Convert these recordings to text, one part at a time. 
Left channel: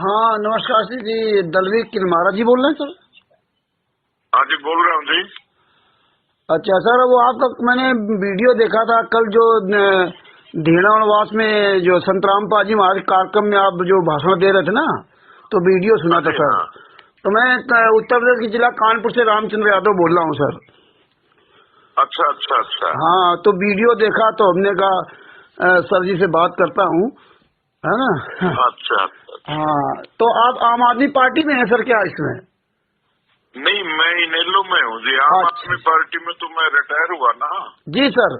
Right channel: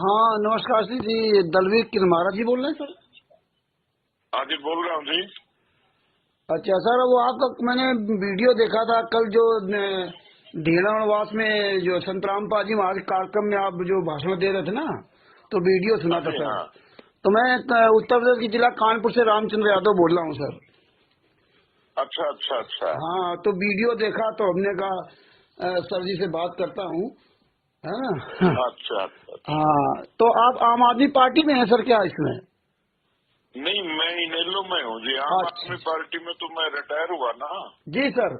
हाँ नमस्कार जी, दलवीर किरमारा जी बोल रहे हैं सर? हाँ जी, बोल रहा हूँ जी। अच्छा सर, वो आपका मैंने वीडियो देखा था कल जो ढीणा वनवास में जो संत रामपाल जी महाराज कार्यक्रम में आप जो भाषण दे रहे थे ना, तो वीडियो हाँ सुना था जी। सर। हाँ तो मैं उत्तर प्रदेश के जिला कानपुर से रामचंद्र यादव बोल रहा हूँ सर। अच्छा अच्छा अच्छा। हाँ, तो वीडियो देखा तो हमने कहा सर जी से बात करता हूँ, है ना। अच्छा अच्छा। हाँ, तो आप आम आदमी पार्टी में हैं सर क्या इसमें? नहीं, मैं इनेलो में हूँ जी। आम अच्छा आदमी पार्टी में तो मैं रिटायर हुआ ना। जी सर।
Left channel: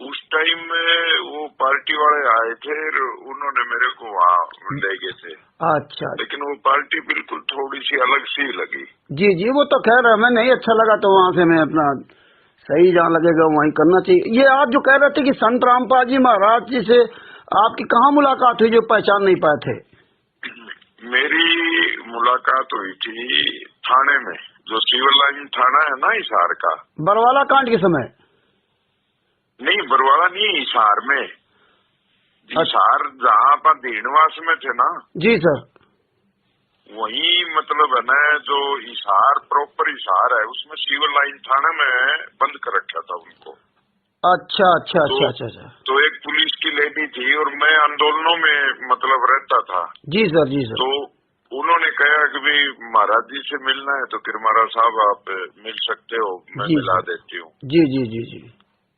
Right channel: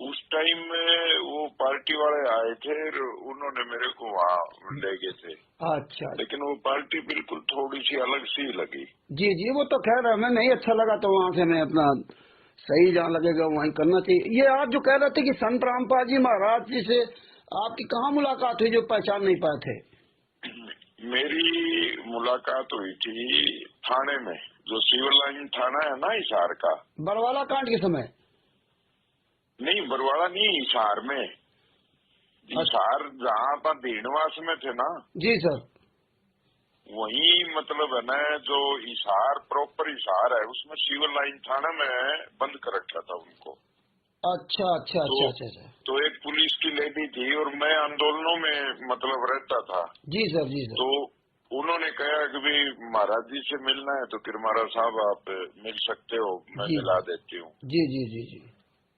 उस टाइम में वो पार्टी वाले आए थे और उन्होंने मेरे को वहाँ ले गए थे, अच्छा लेकिन वो पार्टी बिल्कुल थोड़ी सी अलग सी लगी। जी जी, वो तो खैर हमें नहीं अच्छा लगा, तो वहाँ से मैं अपना सही जहाँ लगेगा वहीं करना चाहिए। ये आप जो कह रहे थे कि संत रामपाल जी महाराज जी से आपकी कहाँ मुलाकात हुई जो पहचान नहीं पाए थे? मेरी मुलाकात हुई थी थाने में, जो सिविल लाइन थाना है ना हिसार का। बरवाला कांड के समय? नहीं, बरवाला नहीं, हिसार में। अच्छा हिसार जहाँ पर दीनवास में थे ना, जी सर। वही मतलब है ना, जो हिसार प्रॉपर हिसार है उसमें सिविल लाइन थाना में बंद कर रखा था उनको। अच्छा अच्छा तो अच्छा अच्छा अच्छा। तो एक पुलिस की लेडी थी और मैं आंदोलनों में मतलब रहता था। जी सर जी सर। तो उन्होंने कहा कि भाई महाराज जी से मिलना है तो किरमारा साहब आप मिल सकते हो, मैं जी मिला जी देती हूँ। जी जी जी जी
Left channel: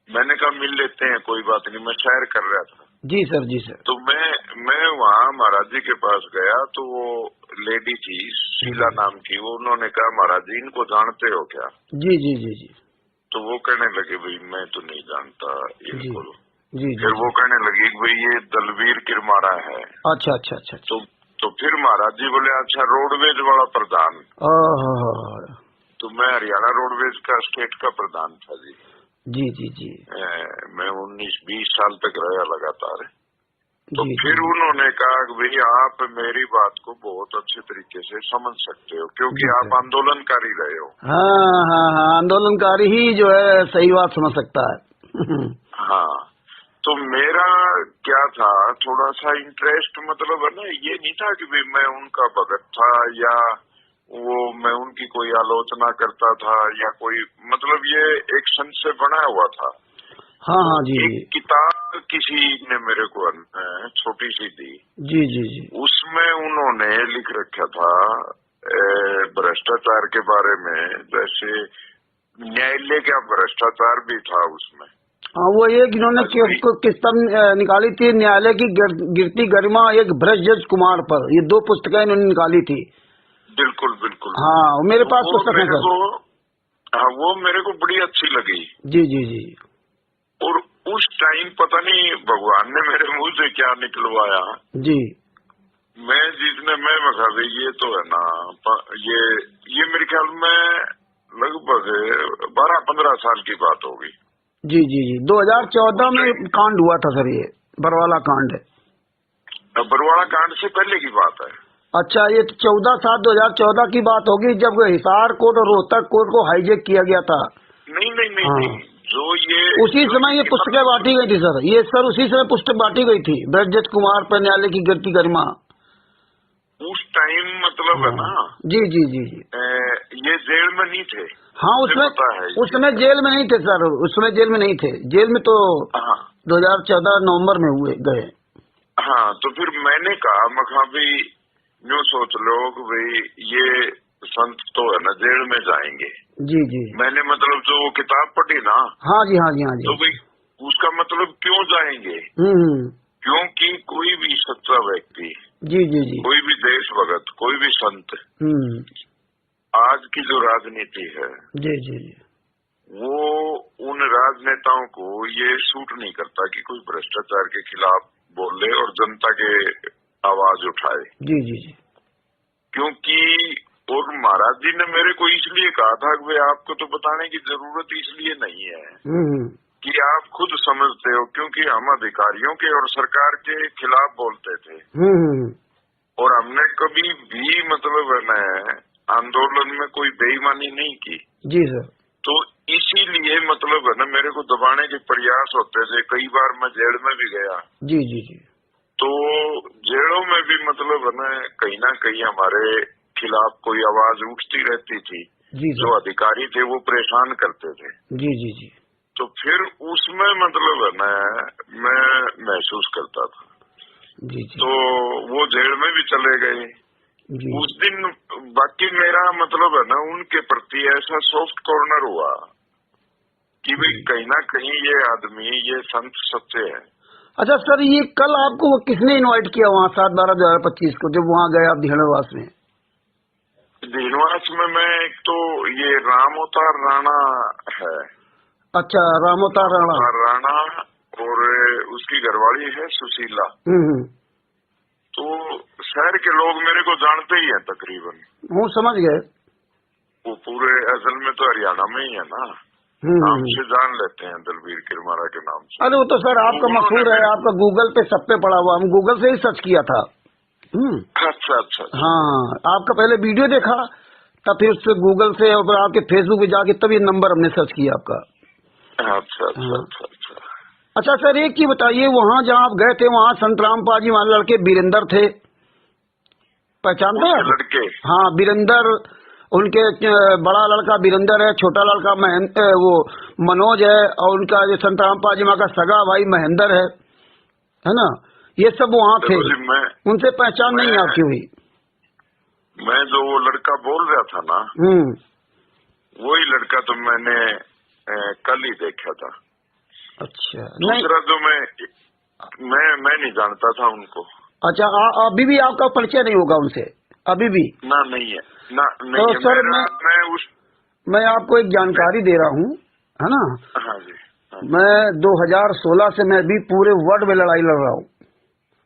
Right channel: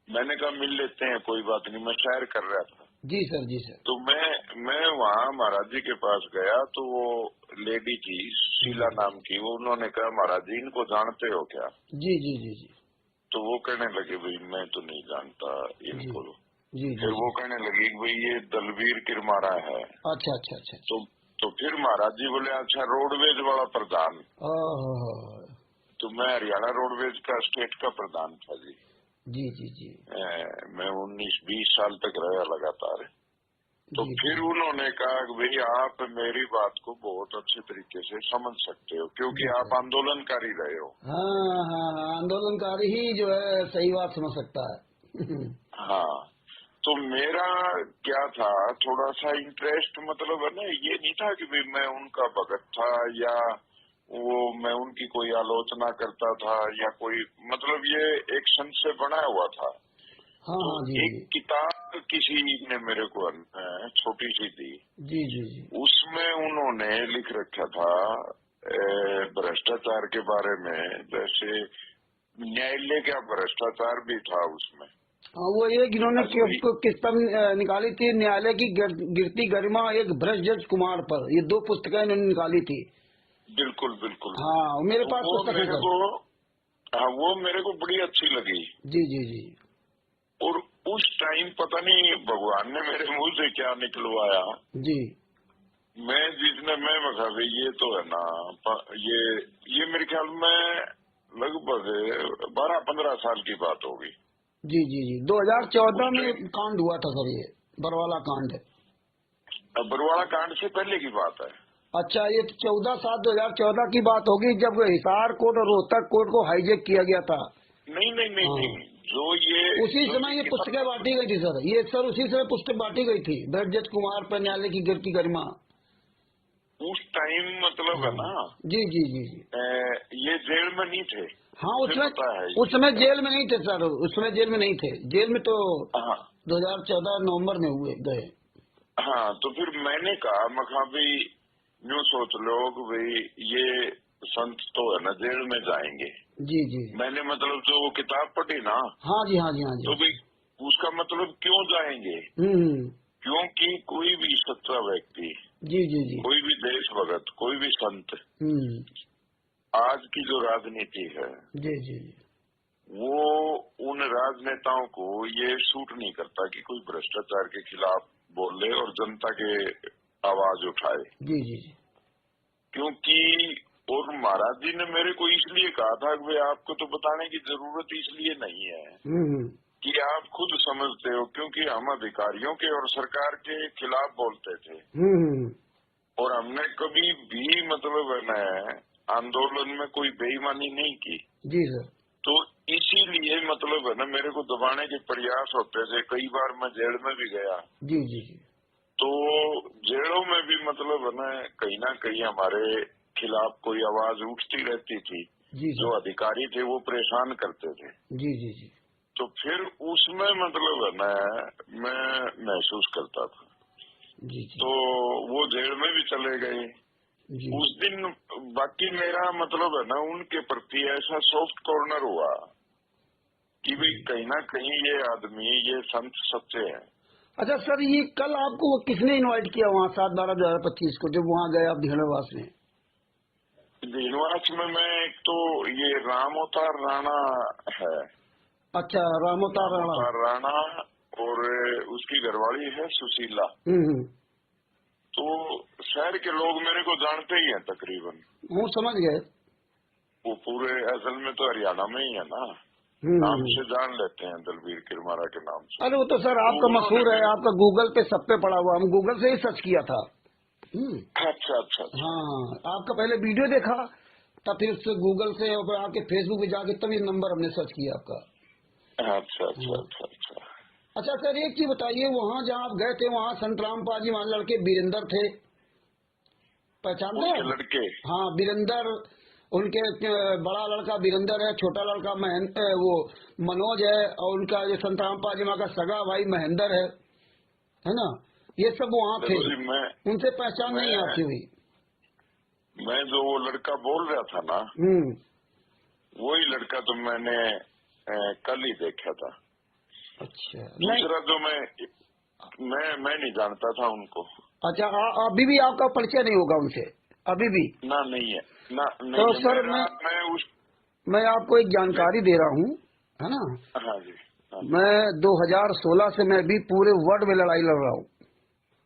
मैंने कहा मिल लेते हैं, कोई बात नहीं। मैं सैर कर रहा था जी सर जी सर। तो मैं वहाँ महाराज जी के पास गया तो वो लेडी थी शीला नाम की, वो उन्होंने कहा महाराज जी इनको जानते हो क्या? जी जी जी जी तो वो कहने लगे भाई मैं तो नहीं जानता जी इनको। जी जी फिर जी। वो कहने लगी कि भाई ये दलवीर किरमारा है। अच्छा अच्छा अच्छा अच्छा। तो फिर महाराज जी बोले अच्छा रोडवेज वाला प्रधान। ओह, तो मैं हरियाणा रोडवेज का स्टेट का प्रधान था जी। जी जी जी मैं 19-20 साल तक रहा लगातार। तो जी जी फिर उन्होंने कहा कि भाई आप मेरी बात को बहुत अच्छे तरीके से समझ सकते हो क्योंकि जी आप सर। आंदोलनकारी रहे हो। हाँ हाँ हाँ, आंदोलनकारी ही जो है सही बात समझ सकता है। हाँ, तो मेरा क्या था, थोड़ा सा इंटरेस्ट मतलब है ना, ये नहीं था कि भाई मैं उनका भगत था या वो मैं उनकी कोई आलोचना करता था या कोई मतलब, ये एक संत से बना हुआ था। हाँ तो हाँ जी एक जी किताब किसी ने मेरे को छोटी सी दी, जी जी जी। उसमें उन्होंने लिख रखा था भ्रष्टाचार के बारे में, जैसे न्यायालय का भ्रष्टाचार भी था उसमें। हाँ, वो एक इन्होंने अभी किताब निकाली थी, न्यायालय की गिरती गरिमा एक भ्रष्ट जज कुमार पर। ये दो पुस्तकें इन्होंने निकाली थी। बिल्कुल बिल्कुल। हाँ, मेरे तो पास वो पुस्तक है मेरे सर। को, हाँ वो मेरे को बड़ी अच्छी लगी। जी जी जी और उस टाइम पता नहीं भगवान ने मेरे मुंह से क्या निकलवाया, जी मैं जिसने मैं बता दे ये तो है ना, ये मेरे ख्याल में लगभग 12-15 साल की बात होगी। जी जी जी। उस 2014 में टाइम कांड हुआ था सर, ये बरवाला कांड है। बरवाड़ा कांड से पहले की बात है। अच्छा, ये 14/7/2014 की बात होगी जब हिसार कोर्ट और रोहतक कोर्ट को हाईजेक किया गया था। नहीं नहीं नहीं हाँ, नहीं, उसी जो ये समय ये पुस्तकें किताब बांटी गई थी सर। ये सर उसी समय पुस्तक बांटी गई थी, ब्रजत कुमार पर न्यायालय की गिरती गरिमा। उस टाइम मतलब है हाँ ना, जी जी जी जी। ये जेल में नहीं थे, हाँ, मुझे उसमें पता है इस उस चीज समय का। जेल में नहीं थे सर, उस समय जेल में नहीं थे। जेल में तो हाँ 2014 नवंबर में हुए गए। हाँ, तो फिर मैंने कहा मखा भाई यूँ सोच लो कि भाई ये संत तो है ना जेल में जाएंगे। जी जी। मैंने मतलब जो वो किताब पढ़ी ना, हाँ जी हाँ जी हाँ जी। तो भाई उसका मतलब क्यों जाएंगे? हम्म। क्योंकि कोई भी सच्चा व्यक्ति, जी जी जी। कोई भी देशभक्त, कोई भी संत, हम्म। आज की जो राजनीति है जी जी जी वो उन राजनेताओं को ये सूट नहीं करता कि कोई भ्रष्टाचार के खिलाफ बोले और जनता के आवाज उठाए। जी जी जी। क्योंकि और महाराज जी ने मेरे को इसलिए कहा था कि भाई आपको तो बताने की जरूरत इसलिए नहीं है हम्म। कि आप खुद समझते हो, क्योंकि हम अधिकारियों के और सरकार के खिलाफ बोलते थे हम्म। और हमने कभी भी मतलब है ना आंदोलन में कोई बेईमानी नहीं की। जी सर। तो इसीलिए मतलब है ना मेरे को दबाने के प्रयास होते थे, कई बार मैं जेल में भी गया। जी जी जी तो जेलों में भी मतलब है ना कहीं हमारे खिलाफ कोई आवाज उठती रहती थी। जी जो अधिकारी थे वो परेशान करते थे। जी जी जी। तो फिर उसमें मतलब है ना मैं महसूस करता था। जी जी। तो वो जेल में भी चले गए जी। उस दिन। बाकी मेरा मतलब है ना उनके प्रति ऐसा सॉफ्ट कॉर्नर हुआ कि भाई कहीं ना कहीं ये आदमी ये संत सच्चे हैं। अच्छा सर, ये कल आपको वो किसने इनवाइट किया वहाँ 7/12/2025 को, जब वहाँ गए आप धीणवास में? धीणवास में मैं एक तो ये रामोतार राणा है। अच्छा, रामोतार राणा और उसकी घरवाली है सुशीला। तो शहर के लोग मेरे को जानते ही हैं तकरीबन। वो समझ गए। वो पूरे असल में तो हरियाणा में ही है ना, नाम से जान लेते हैं दलबीर किरमारा के नाम से। अरे वो तो सर आपका मशहूर है, आपका गूगल पे सब पे पड़ा हुआ, हम गूगल से ही सर्च किया था। अच्छा अच्छा। हाँ, आपका पहले वीडियो देखा, तब फिर उससे गूगल से और आपके फेसबुक पे जाके तब ये नंबर हमने सर्च किया आपका। अच्छा अच्छा अच्छा अच्छा। अच्छा सर, एक चीज बताइए, वहाँ जहाँ आप गए थे वहाँ संत रामपाल जी वाले लड़के वीरेंद्र थे, पहचानते हैं लड़के? हाँ, वीरेंद्र, उनके बड़ा लड़का वीरेंद्र है, छोटा लड़का महेंद्र, वो मनोज है, और उनका जो संत रामपाल जी का सगा भाई महेंद्र है ना, ये सब वहाँ थे। उनसे पहचान नहीं आपकी हुई? मैं जो वो लड़का बोल रहा था ना, वही लड़का तो मैंने कल ही देखा था। अच्छा। दूसरा जो मैं नहीं जानता था उनको। अच्छा, अभी भी आपका परिचय नहीं होगा उनसे? अभी भी ना, नहीं है ना, नहीं तो है। सर मैं आपको एक जानकारी दे रहा हूँ, है ना। हाँ जी, हाँ जी। मैं 2016 से मैं भी पूरे वर्ल्ड में लड़ाई लड़ रहा हूँ,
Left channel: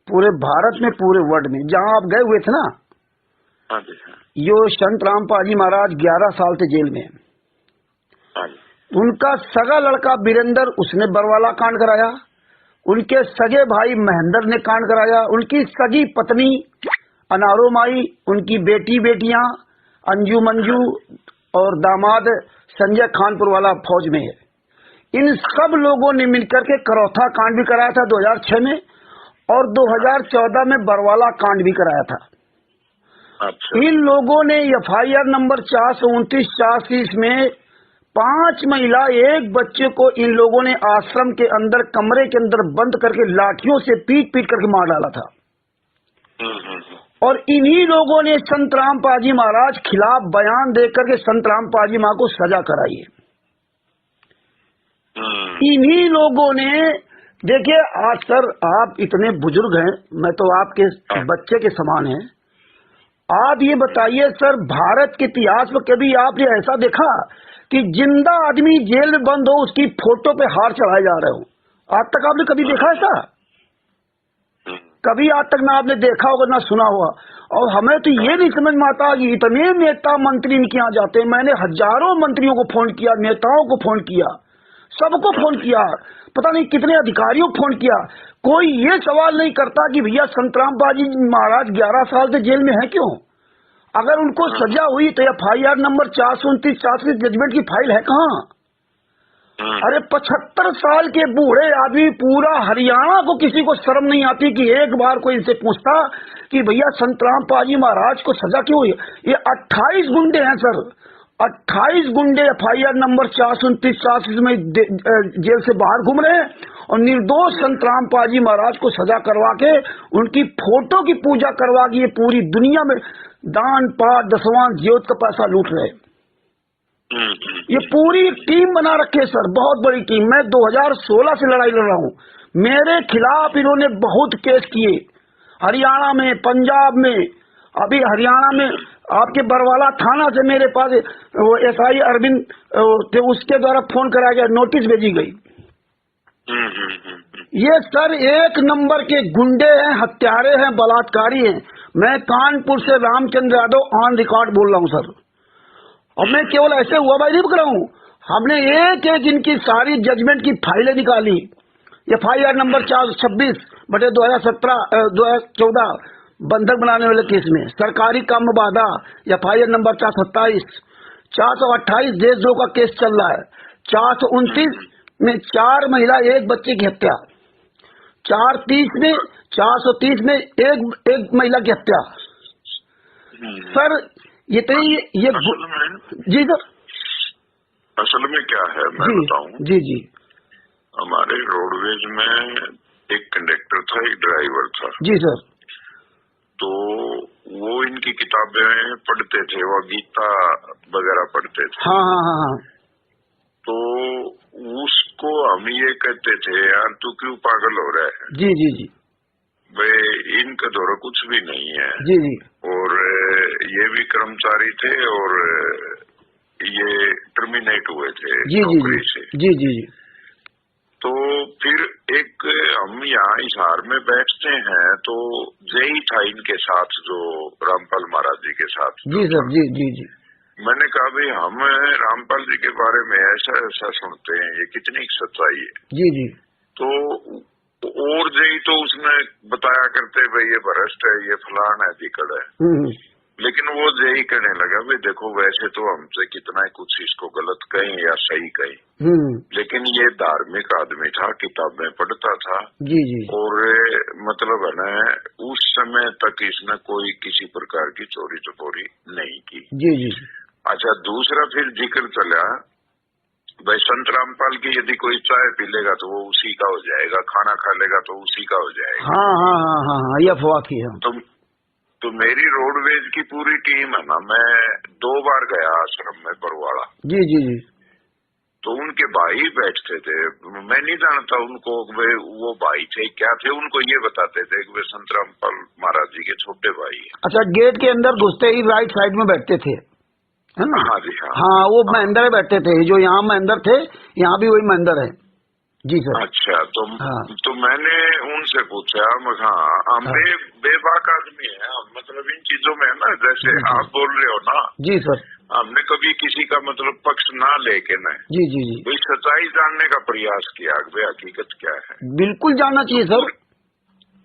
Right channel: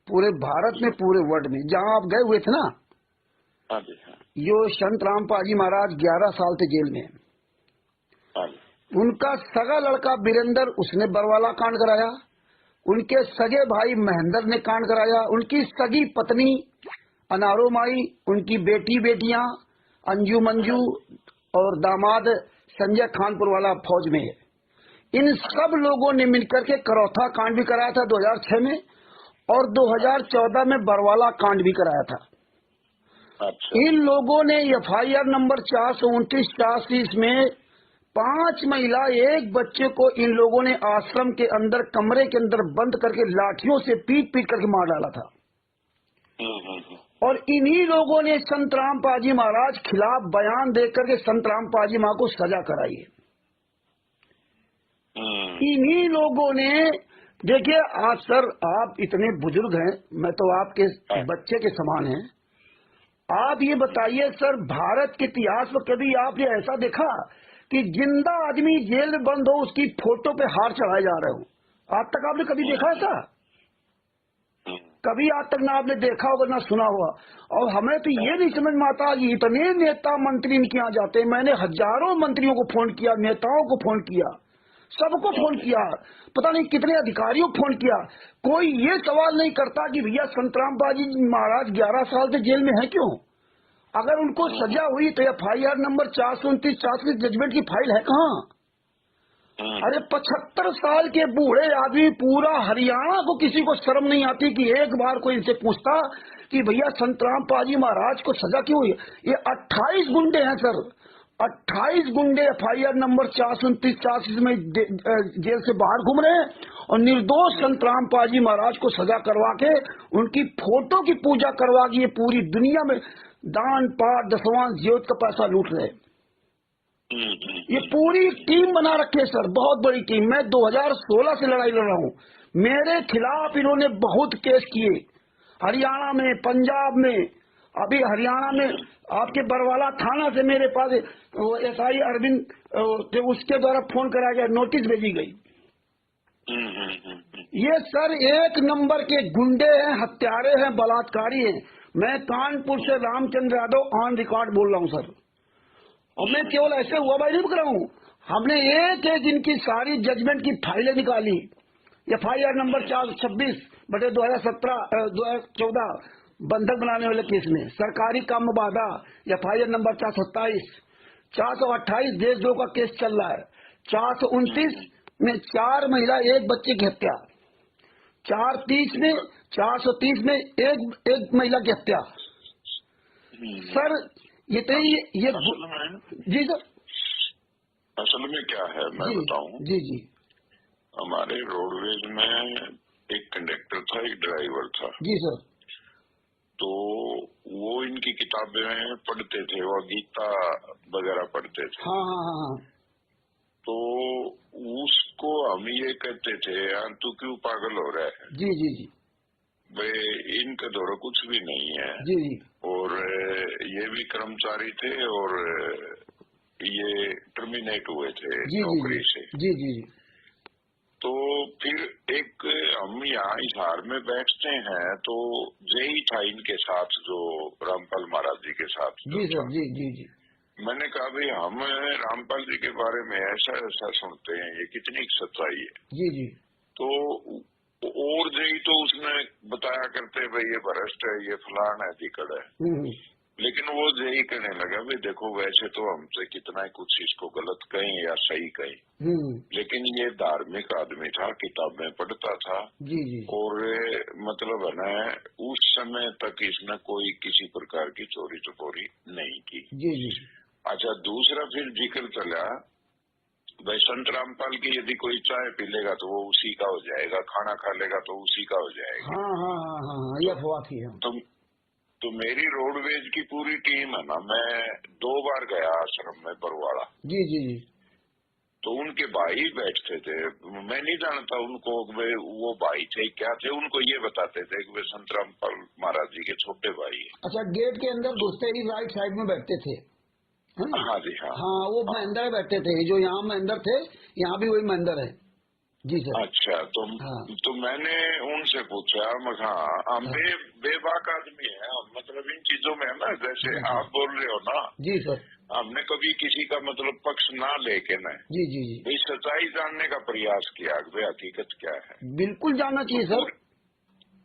पूरे भारत में, पूरे वर्ल्ड में। जहाँ आप गए हुए थे ना, हाँ जी, हाँ। यो संत रामपाल जी महाराज 11 साल से जेल में। हाँ। उनका सगा लड़का वीरेंद्र, उसने बरवाला कांड कराया। उनके सगे भाई महेंद्र ने कांड कराया। उनकी सगी पत्नी अनारो माई, उनकी बेटियां अंजू मंजू और दामाद संजय खानपुर वाला फौज में है। इन सब लोगों ने मिलकर के करौथा कांड भी कराया था 2006 में, और 2014 में बरवाला कांड भी कराया था। अच्छा। इन लोगों ने FIR नंबर 429/86 में 5 महिला, 1 बच्चे को इन लोगों ने आश्रम के अंदर कमरे के अंदर बंद करके लाठियों से पीट करके मार डाला था। और इन्हीं लोगों ने संत रामपाल जी महाराज खिलाफ बयान देकर के संत रामपाल जी मां को सजा कराई है। इन्हीं लोगों ने, देखिए आज सर आप इतने बुजुर्ग हैं, मैं तो आपके बच्चे के समान हैं। आप ये बताइए सर, भारत के इतिहास में कभी आपने ऐसा देखा कि जिंदा आदमी जेल में बंद हो, उसकी फोटो पे हार चढ़ाए जा रहे हो? आज तक आपने कभी देखा ऐसा? कभी आज तक ना आपने देखा होगा ना सुना होगा। और हमें तो ये नहीं समझ में आता कि इतने नेता मंत्री इनके यहाँ जाते हैं। मैंने हजारों मंत्रियों को फोन किया, नेताओं को फोन किया, सबको फोन किया, पता नहीं कितने अधिकारियों को फोन किया। कोई ये सवाल नहीं करता कि भैया संत रामपाल जी महाराज 11 साल से जेल में है क्यों? अगर उनको सजा हुई तो FIR नंबर 429/86 जजमेंट की फाइल है कहाँ? अरे 75 साल के बूढ़े आदमी, पूरा हरियाणा को किसी को शर्म नहीं आती कि एक बार कोई इनसे पूछता कि भैया संत रामपाल जी महाराज को सजा क्यों हुई? ये 28 गुंडे हैं सर, 28 गुंडे FIR नंबर 429/86 में जेल से बाहर घूम रहे हैं, और निर्दोष संत रामपाल जी महाराज को सजा करवा के उनकी फोटो की पूजा करवा के ये पूरी दुनिया में दान पाठ दसवां ज्योत का पैसा लूट रहे। ये पूरी टीम बना रखे सर, बहुत बड़ी टीम। मैं 2016 से लड़ाई लड़ रहा हूँ। मेरे खिलाफ इन्होंने बहुत केस किए, हरियाणा में, पंजाब में। अभी हरियाणा में आपके बरवाला थाना से मेरे पास वो SI अरविंद थे, उसके द्वारा फोन कराया गया, नोटिस भेजी गई। ये सर एक नंबर के गुंडे हैं, हत्यारे हैं, बलात्कारी हैं। मैं कानपुर से रामचंद्र यादव ऑन रिकॉर्ड बोल रहा हूँ सर। और मैं केवल ऐसे हुआ भाई नहीं कर रहा हूँ, हमने एक एक इनकी सारी जजमेंट की फाइलें निकाली। FIR नंबर 426/2017-2014 बंधक बनाने वाले केस में, सरकारी काम बाधा FIR नंबर 427, 428 देशद्रोह का केस चल रहा है, 429 में 4 महिला 1 बच्चे की हत्या, 430 में 430 में एक महिला की हत्या। सर ये तो ये असल में, जी सर, असल में क्या है मैं बताऊं। जी जी। हमारे रोडवेज में एक कंडक्टर था, एक ड्राइवर था। जी सर। तो वो इनकी किताबें पढ़ते थे, वो गीता वगैरह पढ़ते थे। हाँ हाँ हाँ हाँ। तो उसको हम ये कहते थे, यार तू क्यों पागल हो रहा है। जी जी जी। भाई इनका दौरा कुछ भी नहीं है। जी जी। और ये भी कर्मचारी थे और ये टर्मिनेट हुए थे नौकरी से। जी जी जी। तो फिर एक हम यहाँ हिसार में बैठते हैं, तो जय था इनके साथ, जो रामपाल महाराज जी के साथ। जी सर। जी जी जी। मैंने कहा भाई हम रामपाल जी के बारे में ऐसा ऐसा सुनते हैं, ये कितनी सच्चाई है। जी जी। तो और जय तो उसने बताया करते भाई ये भ्रष्ट है, ये फलान है, दिक्कत है। लेकिन वो यही कहने लगा भाई देखो वैसे तो हमसे कितना ही कुछ इसको गलत कहें या सही कहें, लेकिन ये धार्मिक आदमी था, किताबें पढ़ता था। जी जी। और मतलब है ना, उस समय तक इसने कोई किसी प्रकार की चोरी चपोरी नहीं की। जी जी। अच्छा, दूसरा फिर जिक्र चला भाई संत रामपाल की यदि कोई चाय पी लेगा तो वो उसी का हो जाएगा, खाना खा लेगा तो उसी का हो जाएगा। हाँ हाँ हाँ हाँ हाँ, ये अफवाह थी। तो मेरी रोडवेज की पूरी टीम है ना, मैं 2 बार गया आश्रम में परवाड़ा। जी जी जी। तो उनके भाई बैठते थे, मैं नहीं जानता उनको वे वो भाई थे क्या थे, उनको ये बताते थे कि वे संत रामपाल महाराज जी के छोटे भाई हैं। अच्छा, गेट के अंदर घुसते ही राइट साइड में बैठते थे, है ना? हाँ जी। हाँ, हाँ वो महेंद्र बैठते थे, जो यहाँ महेंद्र थे यहाँ भी वही महेंद्र है। जी सर। अच्छा, हाँ। तो मैंने उनसे पूछा, हाँ बेबाक आदमी है, मतलब इन चीजों में है ना, जैसे आप बोल रहे हो ना। जी सर। हमने कभी किसी का मतलब पक्ष ना लेके न, जी जी जी, भाई सच्चाई जानने का प्रयास किया भाई हकीकत क्या है। बिल्कुल जानना चाहिए सर।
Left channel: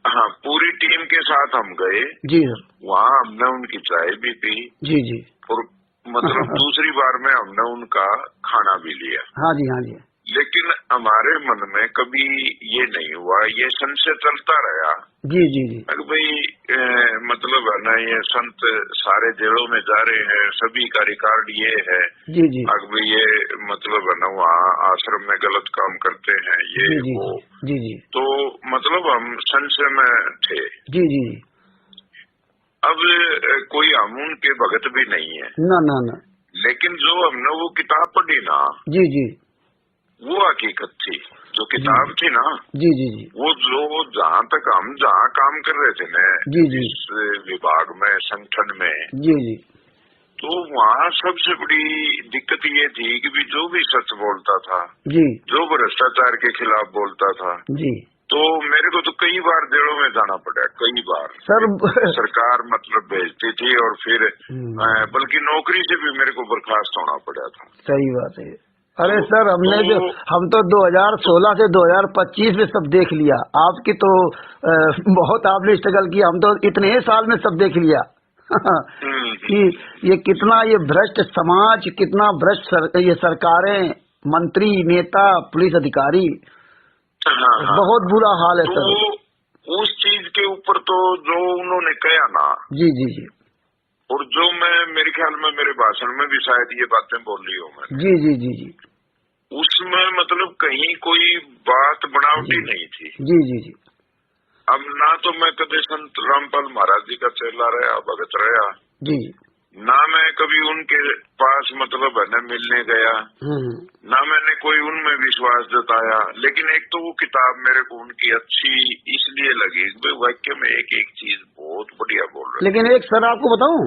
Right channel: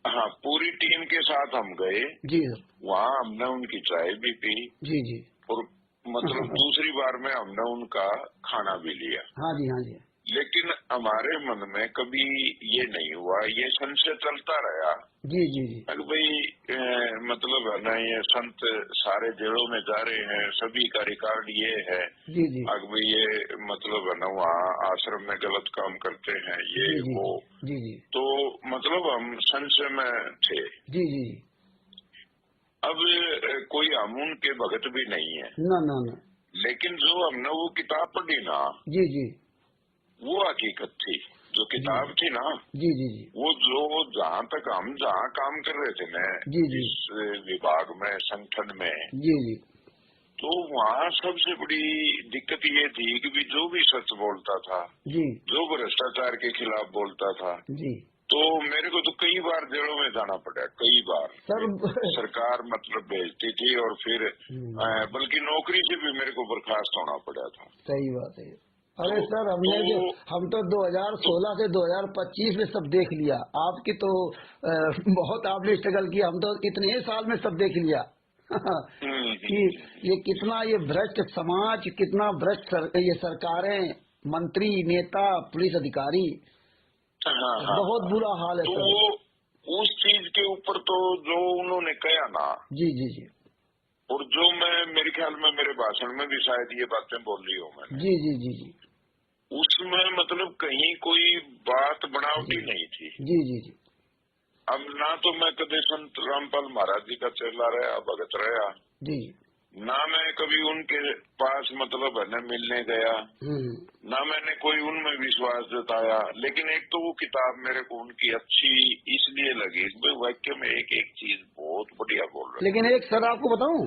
हाँ, पूरी टीम के साथ हम गए। जी सर। वहाँ हमने उनकी चाय भी पी। जी जी। और मतलब दूसरी बार में हमने उनका खाना भी लिया। हाँ जी हाँ जी। लेकिन हमारे मन में कभी ये नहीं हुआ, ये संशय चलता रहा। जी जी जी। भाई मतलब है ना, ये संत सारे जेलों में जा रहे हैं, सभी का रिकॉर्ड ये है। जी जी। भाई ये मतलब है ना, वहाँ आश्रम में गलत काम करते हैं, ये जी, वो जी जी। तो मतलब हम संशय में थे। जी जी जी। अब कोई हम उनके भगत भी नहीं है ना ना ना, लेकिन जो हमने वो किताब पढ़ी ना। जी जी। वो हकीकत थी, जो किताब थी ना। जी जी जी। वो जो जहाँ तक हम जहाँ काम कर रहे थे ना, जी जी, इस विभाग में, संगठन में। जी जी। तो वहाँ सबसे बड़ी दिक्कत ये थी कि भी जो भी सच बोलता था, जी, जो भ्रष्टाचार के खिलाफ बोलता था, जी, तो मेरे को तो कई बार जेलों में जाना पड़ा, कई बार सर। सरकार मतलब भेजती थी और फिर बल्कि नौकरी से भी मेरे को बर्खास्त होना पड़ा था। सही बात है। अरे सर, हम तो 2016 से 2025 में सब देख लिया। आपकी तो बहुत आपने स्ट्रगल किया, हम तो इतने साल में सब देख लिया कि ये कितना ये भ्रष्ट समाज, कितना भ्रष्ट ये सरकारें, मंत्री, नेता, पुलिस अधिकारी, बहुत बुरा हाल है सर। उस चीज के ऊपर तो जो उन्होंने कहा ना, जी जी जी, और जो मैं मेरे ख्याल में मेरे भाषण में भी शायद ये बातें बोल रही हूँ मैं। जी जी जी जी। उसमें मतलब कहीं कोई बात बनावटी नहीं थी। जी जी जी। अब ना तो मैं कभी संत रामपाल महाराज जी का चेला रहा, भगत रहा। जी। ना मैं कभी उनके पास मतलब है न मिलने गया, ना मैंने कोई उनमें विश्वास जताया। लेकिन एक तो वो किताब मेरे को उनकी अच्छी इसलिए लगी, वाक्य में एक एक चीज बहुत बढ़िया बोल रहे। लेकिन एक सर आपको बताऊं,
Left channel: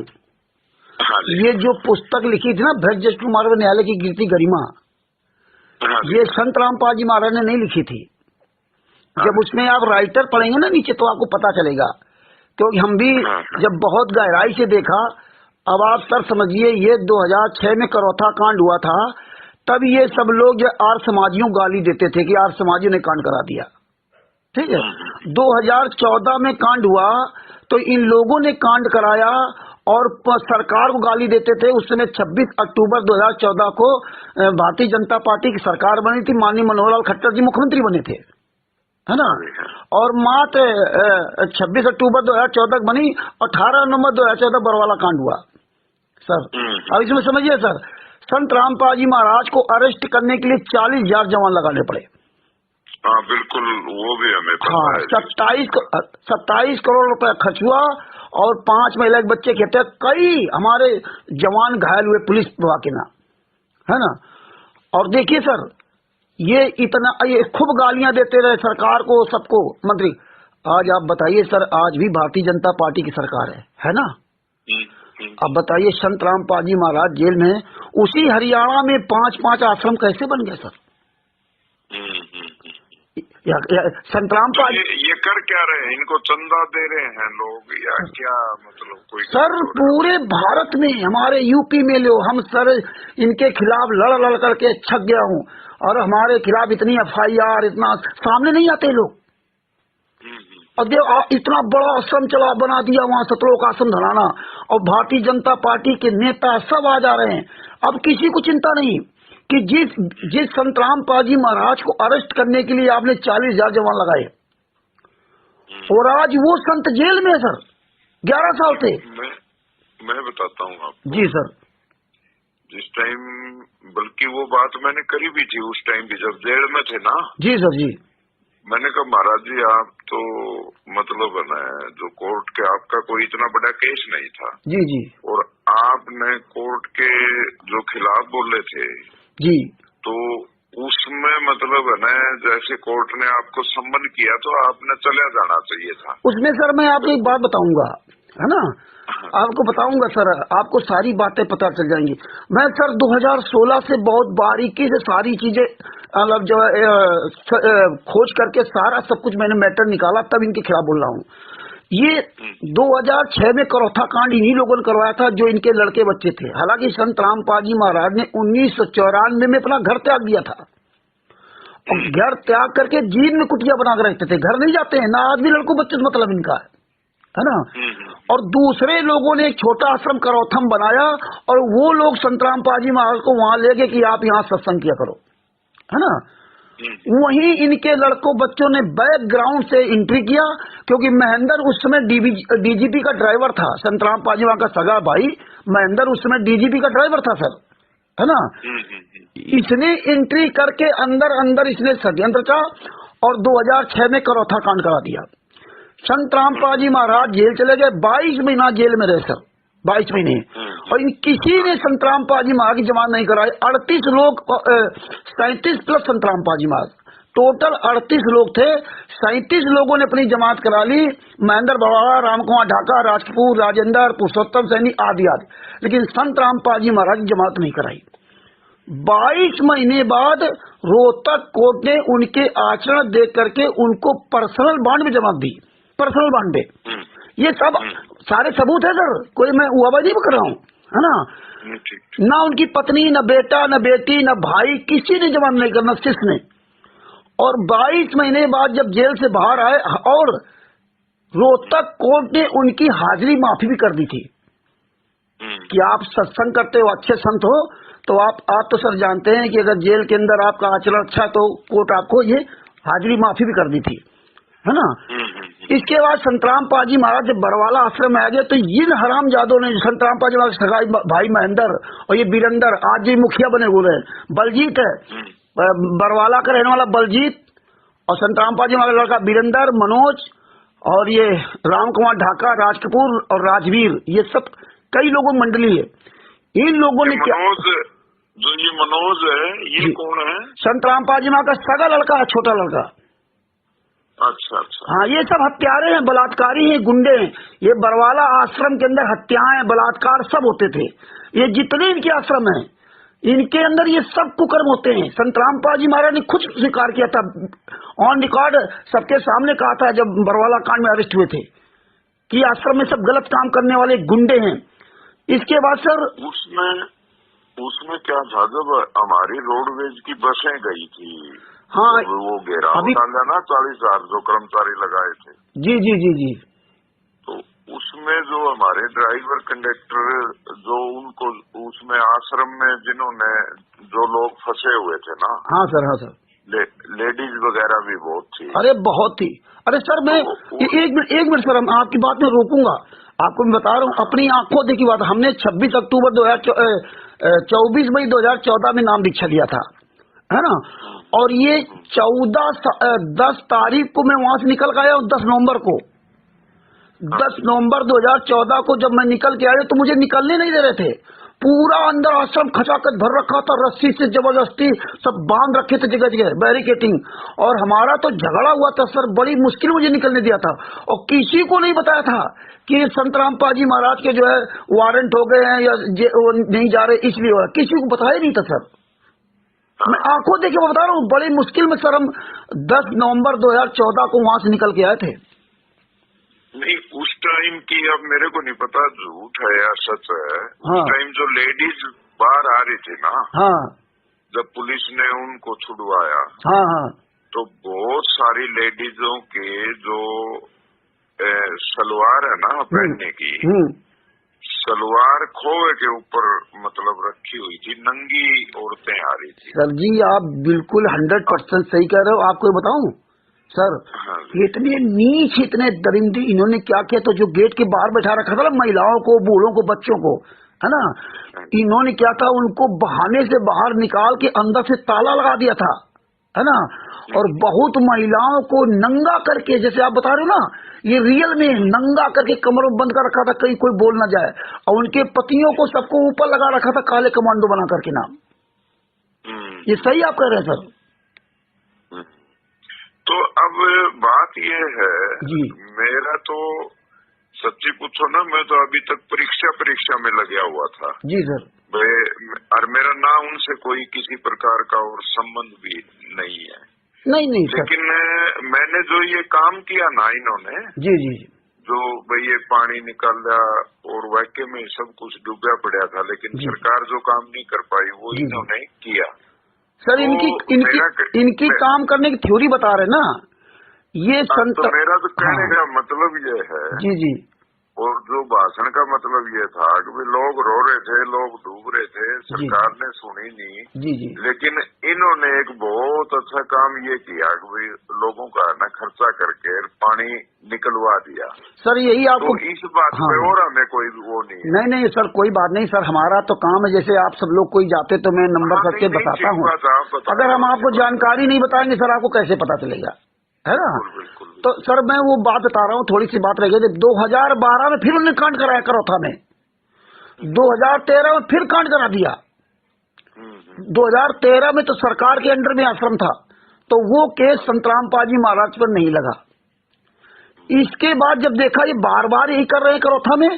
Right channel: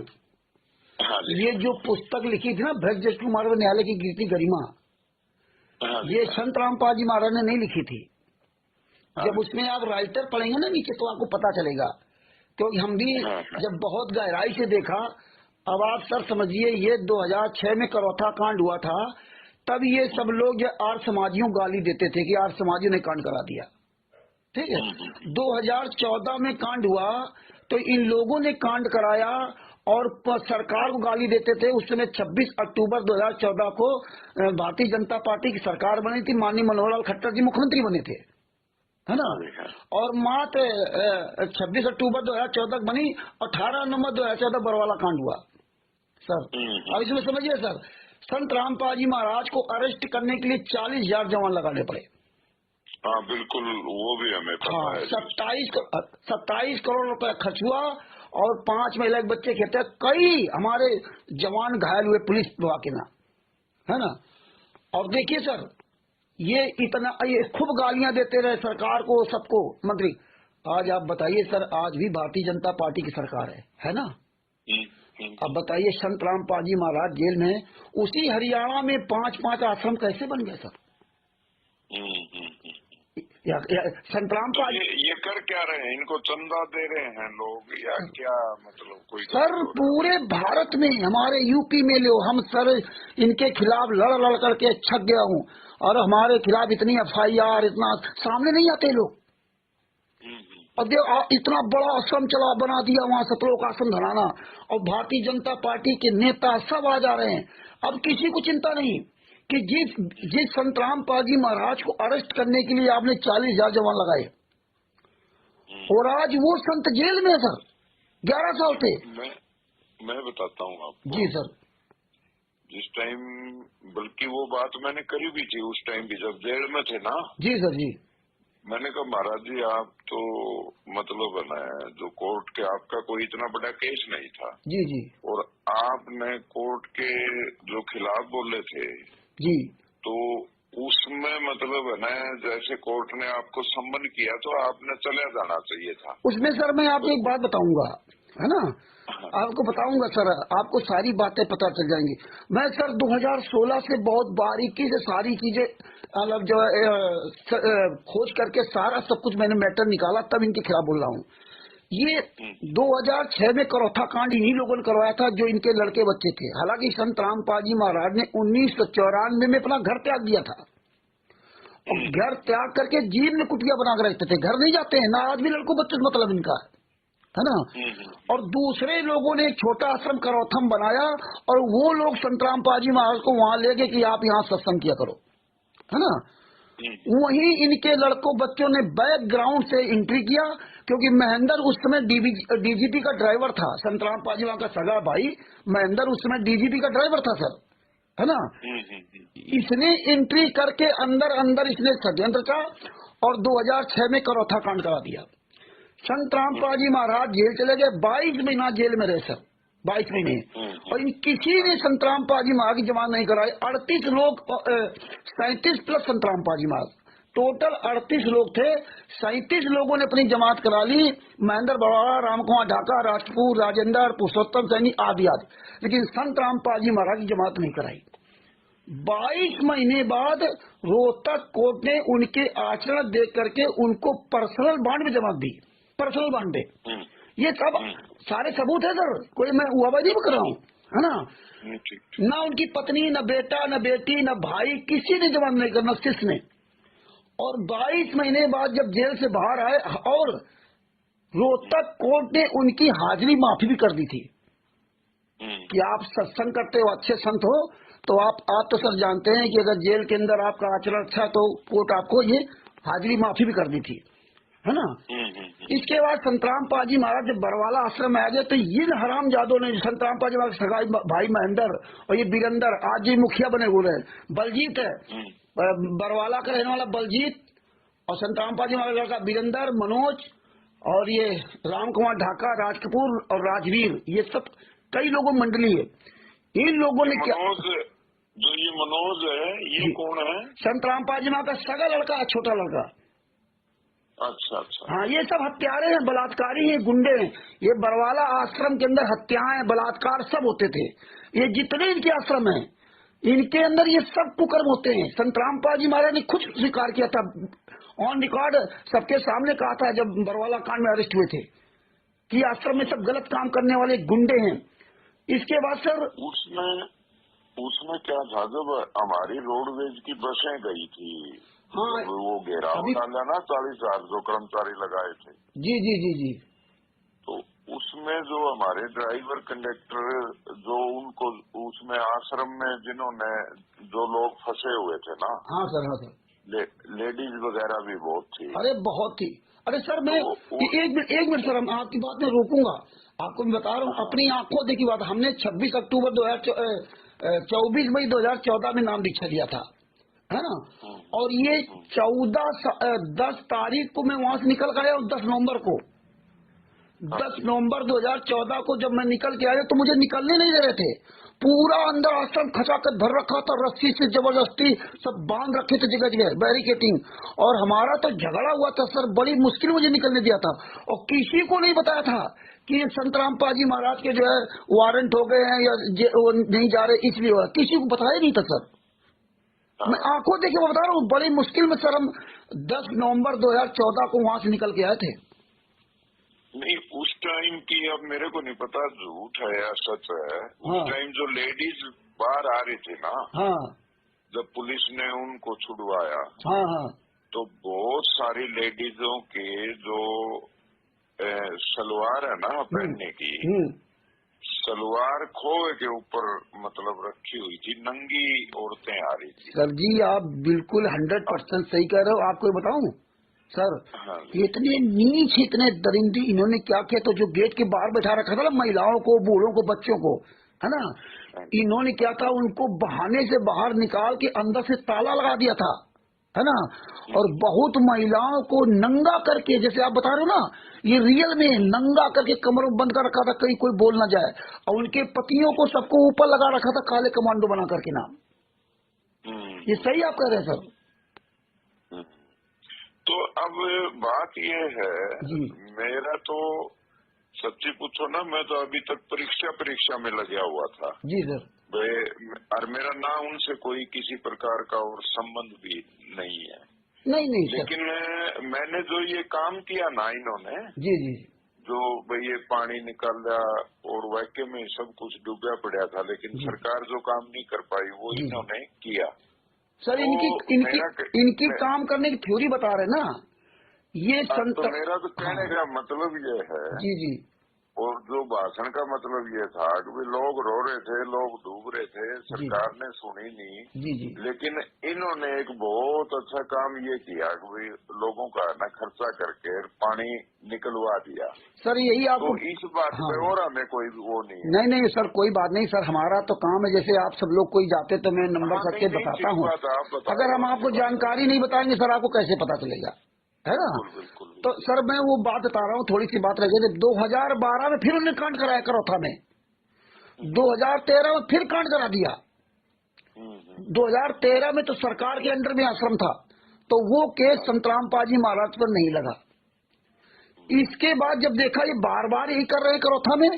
हाँ, ये जो पुस्तक लिखी थी ना ब्रजमोहन कुमार न्यायालय की कीर्ति गरिमा, हाँ, ये संत रामपाल जी महाराज ने नहीं लिखी थी। हाँ, जब उसमें आप राइटर पढ़ेंगे ना नीचे तो आपको पता चलेगा, क्योंकि हम भी जब बहुत गहराई से देखा। अब आप सर समझिए, ये 2006 में करौथा कांड हुआ था, तब ये सब लोग जो आर्य समाजियों गाली देते थे कि आर्य समाजियों ने कांड करा दिया, ठीक है। 2014 में कांड हुआ तो इन लोगों ने कांड कराया और सरकार को गाली देते थे। उस समय 26 अक्टूबर 2014 को भारतीय जनता पार्टी की सरकार बनी थी, माननीय मनोहर लाल खट्टर जी मुख्यमंत्री बने थे, है ना। और मात्र 26 अक्टूबर 2014 बनी, 18 नवंबर 2014 बरवाला कांड हुआ सर। अब इसमें समझिए सर, संत रामपाल जी महाराज को अरेस्ट करने के लिए 40,000 जवान लगाने पड़े। हाँ बिल्कुल, वो भी हमें पता है। 27 करोड़ रुपए खर्च हुआ और 5 महिला के बच्चे के हत्या, कई हमारे जवान घायल हुए पुलिस विभाग के नाम, है ना। और देखिए सर, ये खूब गालियां देते रहे सरकार को, सबको, मंत्री। आज आप बताइए सर, आज भी भारतीय जनता पार्टी की सरकार है ना। अब बताइए, संत रामपाल जी महाराज जेल में, उसी हरियाणा में 5-5 आश्रम कैसे बन गए सर। संत रामपाल ये कर क्या रहे हैं? इनको चंदा दे रहे हैं लोग या क्या? मतलब कोई सर पूरे भारत में, हमारे यूपी में लो, हम सर इनके खिलाफ लड़ करके छक गया हूँ, और हमारे खिलाफ इतनी FIR, इतना सामने नहीं आते लोग। और इतना बड़ा आश्रम बना दिया वहाँ, सतलोक आश्रम धराना, और भारतीय जनता पार्टी के नेता सब आ जा रहे हैं। अब किसी को चिंता नहीं कि जिस संत रामपाल जी महाराज को अरेस्ट करने के लिए आपने 40,000 जवान लगाए, और आज वो संत जेल में सर 11 साल थे। मैं बताता हूँ आपको। जी सर। जिस टाइम, बल्कि वो बात मैंने करी भी थी उस टाइम भी, जब जेल में थे ना। जी सर जी। मैंने कहा महाराज जी, आप तो मतलब है ना, जो कोर्ट के, आपका कोई इतना बड़ा केस नहीं था। जी जी। और आपने कोर्ट के जो खिलाफ बोले थे जी, तो उसमें मतलब है ना, जैसे कोर्ट ने आपको सम्मन किया तो आपने चले जाना चाहिए था उसमें। सर मैं आपको एक बात बताऊंगा, है ना, आपको बताऊंगा सर, आपको सारी बातें पता चल जाएंगी। मैं सर 2016 से बहुत बारीकी से सारी चीजें मतलब जो खोज करके सारा सब कुछ मैंने मैटर निकाला, तब इनके खिलाफ बोल रहा हूँ। ये 2006 में करौथा कांड इन्हीं लोगों ने करवाया था, जो इनके लड़के बच्चे थे। हालांकि संत रामपाल जी महाराज ने 1994 में अपना घर त्याग दिया था, और घर त्याग करके जीन में कुटिया बना कर रखते थे, घर नहीं जाते हैं ना, आदमी लड़कों बच्चे से मतलब इनका है ना। और दूसरे लोगों ने एक छोटा आश्रम करौथम बनाया, और वो लोग संत रामपाल जी महाराज को वहां ले गए कि आप यहाँ सत्संग किया करो, है ना। वहीं इनके लड़कों बच्चों ने बैकग्राउंड से एंट्री किया, क्योंकि महेंद्र उस समय DGP का ड्राइवर था। संत रामपाल जी का सगा भाई महेंद्र उस समय DGP का ड्राइवर था सर, है ना। इसने एंट्री करके अंदर इसने षड्यंत्र का, और 2006 में करौथा कांड करा दिया। संत रामपाल जी महाराज जेल चले गए, 22 महीना जेल में रहे सर, 22 महीने। और किसी ने संत रामपाल जी महाराज की जमानत नहीं कराई। 38 लोग, 37 प्लस संत रामपाल जी महाराज, टोटल 38 लोग थे। 37 लोगों ने अपनी जमानत करा ली, महेंद्र बरवाला, रामकुमार ढाका, राजकपूर, राजेंद्र, पुरुषोत्तम सैनी आदि आदि, लेकिन संत रामपाल जी महाराज की जमानत नहीं कराई। 22 महीने बाद रोहतक कोर्ट ने उनके आचरण देख करके उनको पर्सनल बॉन्ड में जमानत दी, पर्सनल बॉन्ड में। ये सब सारे सबूत है सर, कोई मैं हुआबाजी नहीं कर रहा हूँ, है ना। ना उनकी पत्नी, न बेटा, न बेटी, न भाई, किसी ने जमानत नहीं करना, शिष्य ने। और 22 महीने बाद जब जेल से बाहर आए, और रोहतक कोर्ट ने उनकी हाजिरी माफी भी कर दी थी कि आप सत्संग करते हो, अच्छे संत हो, तो आप तो सर जानते हैं कि अगर जेल के अंदर आपका आचरण अच्छा, तो कोर्ट आपको ये हाजिरी माफी भी कर दी थी, है ना। इसके बाद संत रामपाल जी महाराज जब बरवाला आश्रम में आ गए, तो इन हरामजादों ने संत रामपाल जी महाराज सगाई भाई महेंद्र और ये वीरेंद्र आज जी मुखिया बने हुए हैं, बलजीत है, बरवाला का रहने वाला बलजीत, और संत रामपाल जी महाराज लड़का वीरेंद्र, मनोज, और ये रामकुमार ढाका, राजकपूर और राजवीर, ये सब कई लोगों मंडली है। इन लोगों ने क्या, जो ये मनोज है, ये कौन है? संत रामपाल जी महाराज का सगा लड़का है, छोटा लड़का। अच्छा। हाँ, ये सब हत्यारे हैं, बलात्कारी हैं, गुंडे हैं। ये बरवाला आश्रम के अंदर हत्याएं, बलात्कार सब होते थे। ये जितने इनके आश्रम हैं, इनके अंदर ये सब कुकर्म होते हैं। संत रामपाल जी महाराज ने खुद स्वीकार किया था, ऑन रिकॉर्ड सबके सामने कहा था जब बरवाला कांड में अरेस्ट हुए थे, कि आश्रम में सब गलत काम करने वाले गुंडे हैं। इसके बाद सर उसमें क्या था, जब हमारी रोडवेज की बसें गई थी, हाँ, वो घेराव डाला ना 40,000 जो कर्मचारी लगाए थे। जी। तो उसमें जो हमारे ड्राइवर कंडक्टर, जो उनको उसमें आश्रम में जिन्होंने, जो लोग फंसे हुए थे ना, हाँ सर, लेडीज वगैरह भी बहुत थी। अरे बहुत थी। अरे सर मैं एक मिनट सर, हम आपकी बात में रोकूंगा। आपको मैं बता रहा हूँ, अपनी आंखों देखी बात। हमने 26 अक्टूबर 24 मई 2014 में नाम दीक्षा लिया था, है ना। और ये 10 तारीख को मैं वहां से निकल के आया हूँ। 10 नवंबर को, 10 नवंबर 2014 को जब मैं निकल के आया तो मुझे निकलने नहीं दे रहे थे। पूरा अंदर आश्रम खचाखच भर रखा था, रस्सी से जबरदस्ती सब बांध रखे थे जगह जगह, बैरिकेटिंग। और हमारा तो झगड़ा हुआ था सर, बड़ी मुश्किल मुझे निकलने दिया था। और किसी को नहीं बताया था कि संत रामपाल जी महाराज के जो है वारंट हो गए हैं या वो नहीं जा रहे इसलिए हुआ, किसी को बताया नहीं था सर। मैं आंखों देखे बता रहा हूँ, बड़ी मुश्किल में सर हम 10 नवंबर 2014 को वहां से निकल के आए थे। नहीं, उस टाइम की अब मेरे को नहीं पता झूठ है या सच है। हाँ। उस टाइम जो लेडीज बाहर आ रही थी ना, हाँ, जब पुलिस ने उनको छुड़वाया, हाँ, हाँ, तो बहुत सारी लेडीजों के जो सलवार है ना पहनने की, सलवार खोए के ऊपर मतलब रखी हुई थी, नंगी औरतें आ रही थी। सर जी आप बिल्कुल 100% सही कह रहे हो। आपको बताऊं सर, इतने नीच, इतने दरिंदी इन्होंने क्या किया, तो जो गेट के बाहर बैठा रखा था ना महिलाओं को, बूढ़ों को, बच्चों को, है ना, इन्होंने क्या था, उनको बहाने से बाहर निकाल के अंदर से ताला लगा दिया था, है ना। और बहुत महिलाओं को नंगा करके, जैसे आप बता रहे हो ना, ये रियल में नंगा करके कमर बंद कर रखा था, कहीं कोई बोल ना जाए। और उनके पतियों को सबको ऊपर लगा रखा था काले कमांडो बना करके नाम। ये सही आप कह रहे हैं सर। तो अब बात ये है जी, मेरा तो सच्ची पूछो ना, मैं तो अभी तक परीक्षा में लगा हुआ था। जी सर। और मेरा ना उनसे कोई किसी प्रकार का और संबंध भी नहीं है। नहीं सर। लेकिन मैंने जो ये काम किया ना इन्होंने, जी जी, जो भाई ये पानी निकाल दिया और वाक्य में सब कुछ डूबा पड़ा था, लेकिन सरकार जो काम नहीं कर पाई वो इन्होंने किया। सर तो इनकी काम करने की थ्योरी बता रहे ना ये संत। तो मेरा तो कहने का मतलब ये है, जी जी, और जो भाषण का मतलब ये था कि लोग रो रहे थे, लोग डूब रहे थे, सरकार ने सुनी नहीं। जी जी, लेकिन इन्होंने एक बहुत अच्छा काम ये किया कि लोगों का ना खर्चा करके पानी निकलवा दिया। सर यही आपको तो इस बात पे और हमें कोई वो नहीं है। नहीं सर, कोई बात नहीं सर, हमारा तो काम है। जैसे आप सब लोग कोई जाते तो मैं नंबर करके बताता हूँ। अगर हम आपको जानकारी नहीं बताएंगे सर, आपको कैसे पता चलेगा, है ना। तो सर मैं वो बात बता रहा हूँ, थोड़ी सी बात रह गई। 2012 में फिर उन्होंने कांड कराया करौथा में, 2013 में फिर कांड करा दिया। 2013 में तो सरकार के अंडर में आश्रम था, तो वो केस संत रामपाल जी महाराज पर नहीं लगा। इसके बाद जब देखा ये बार बार यही कर रहे हैं करौथा में,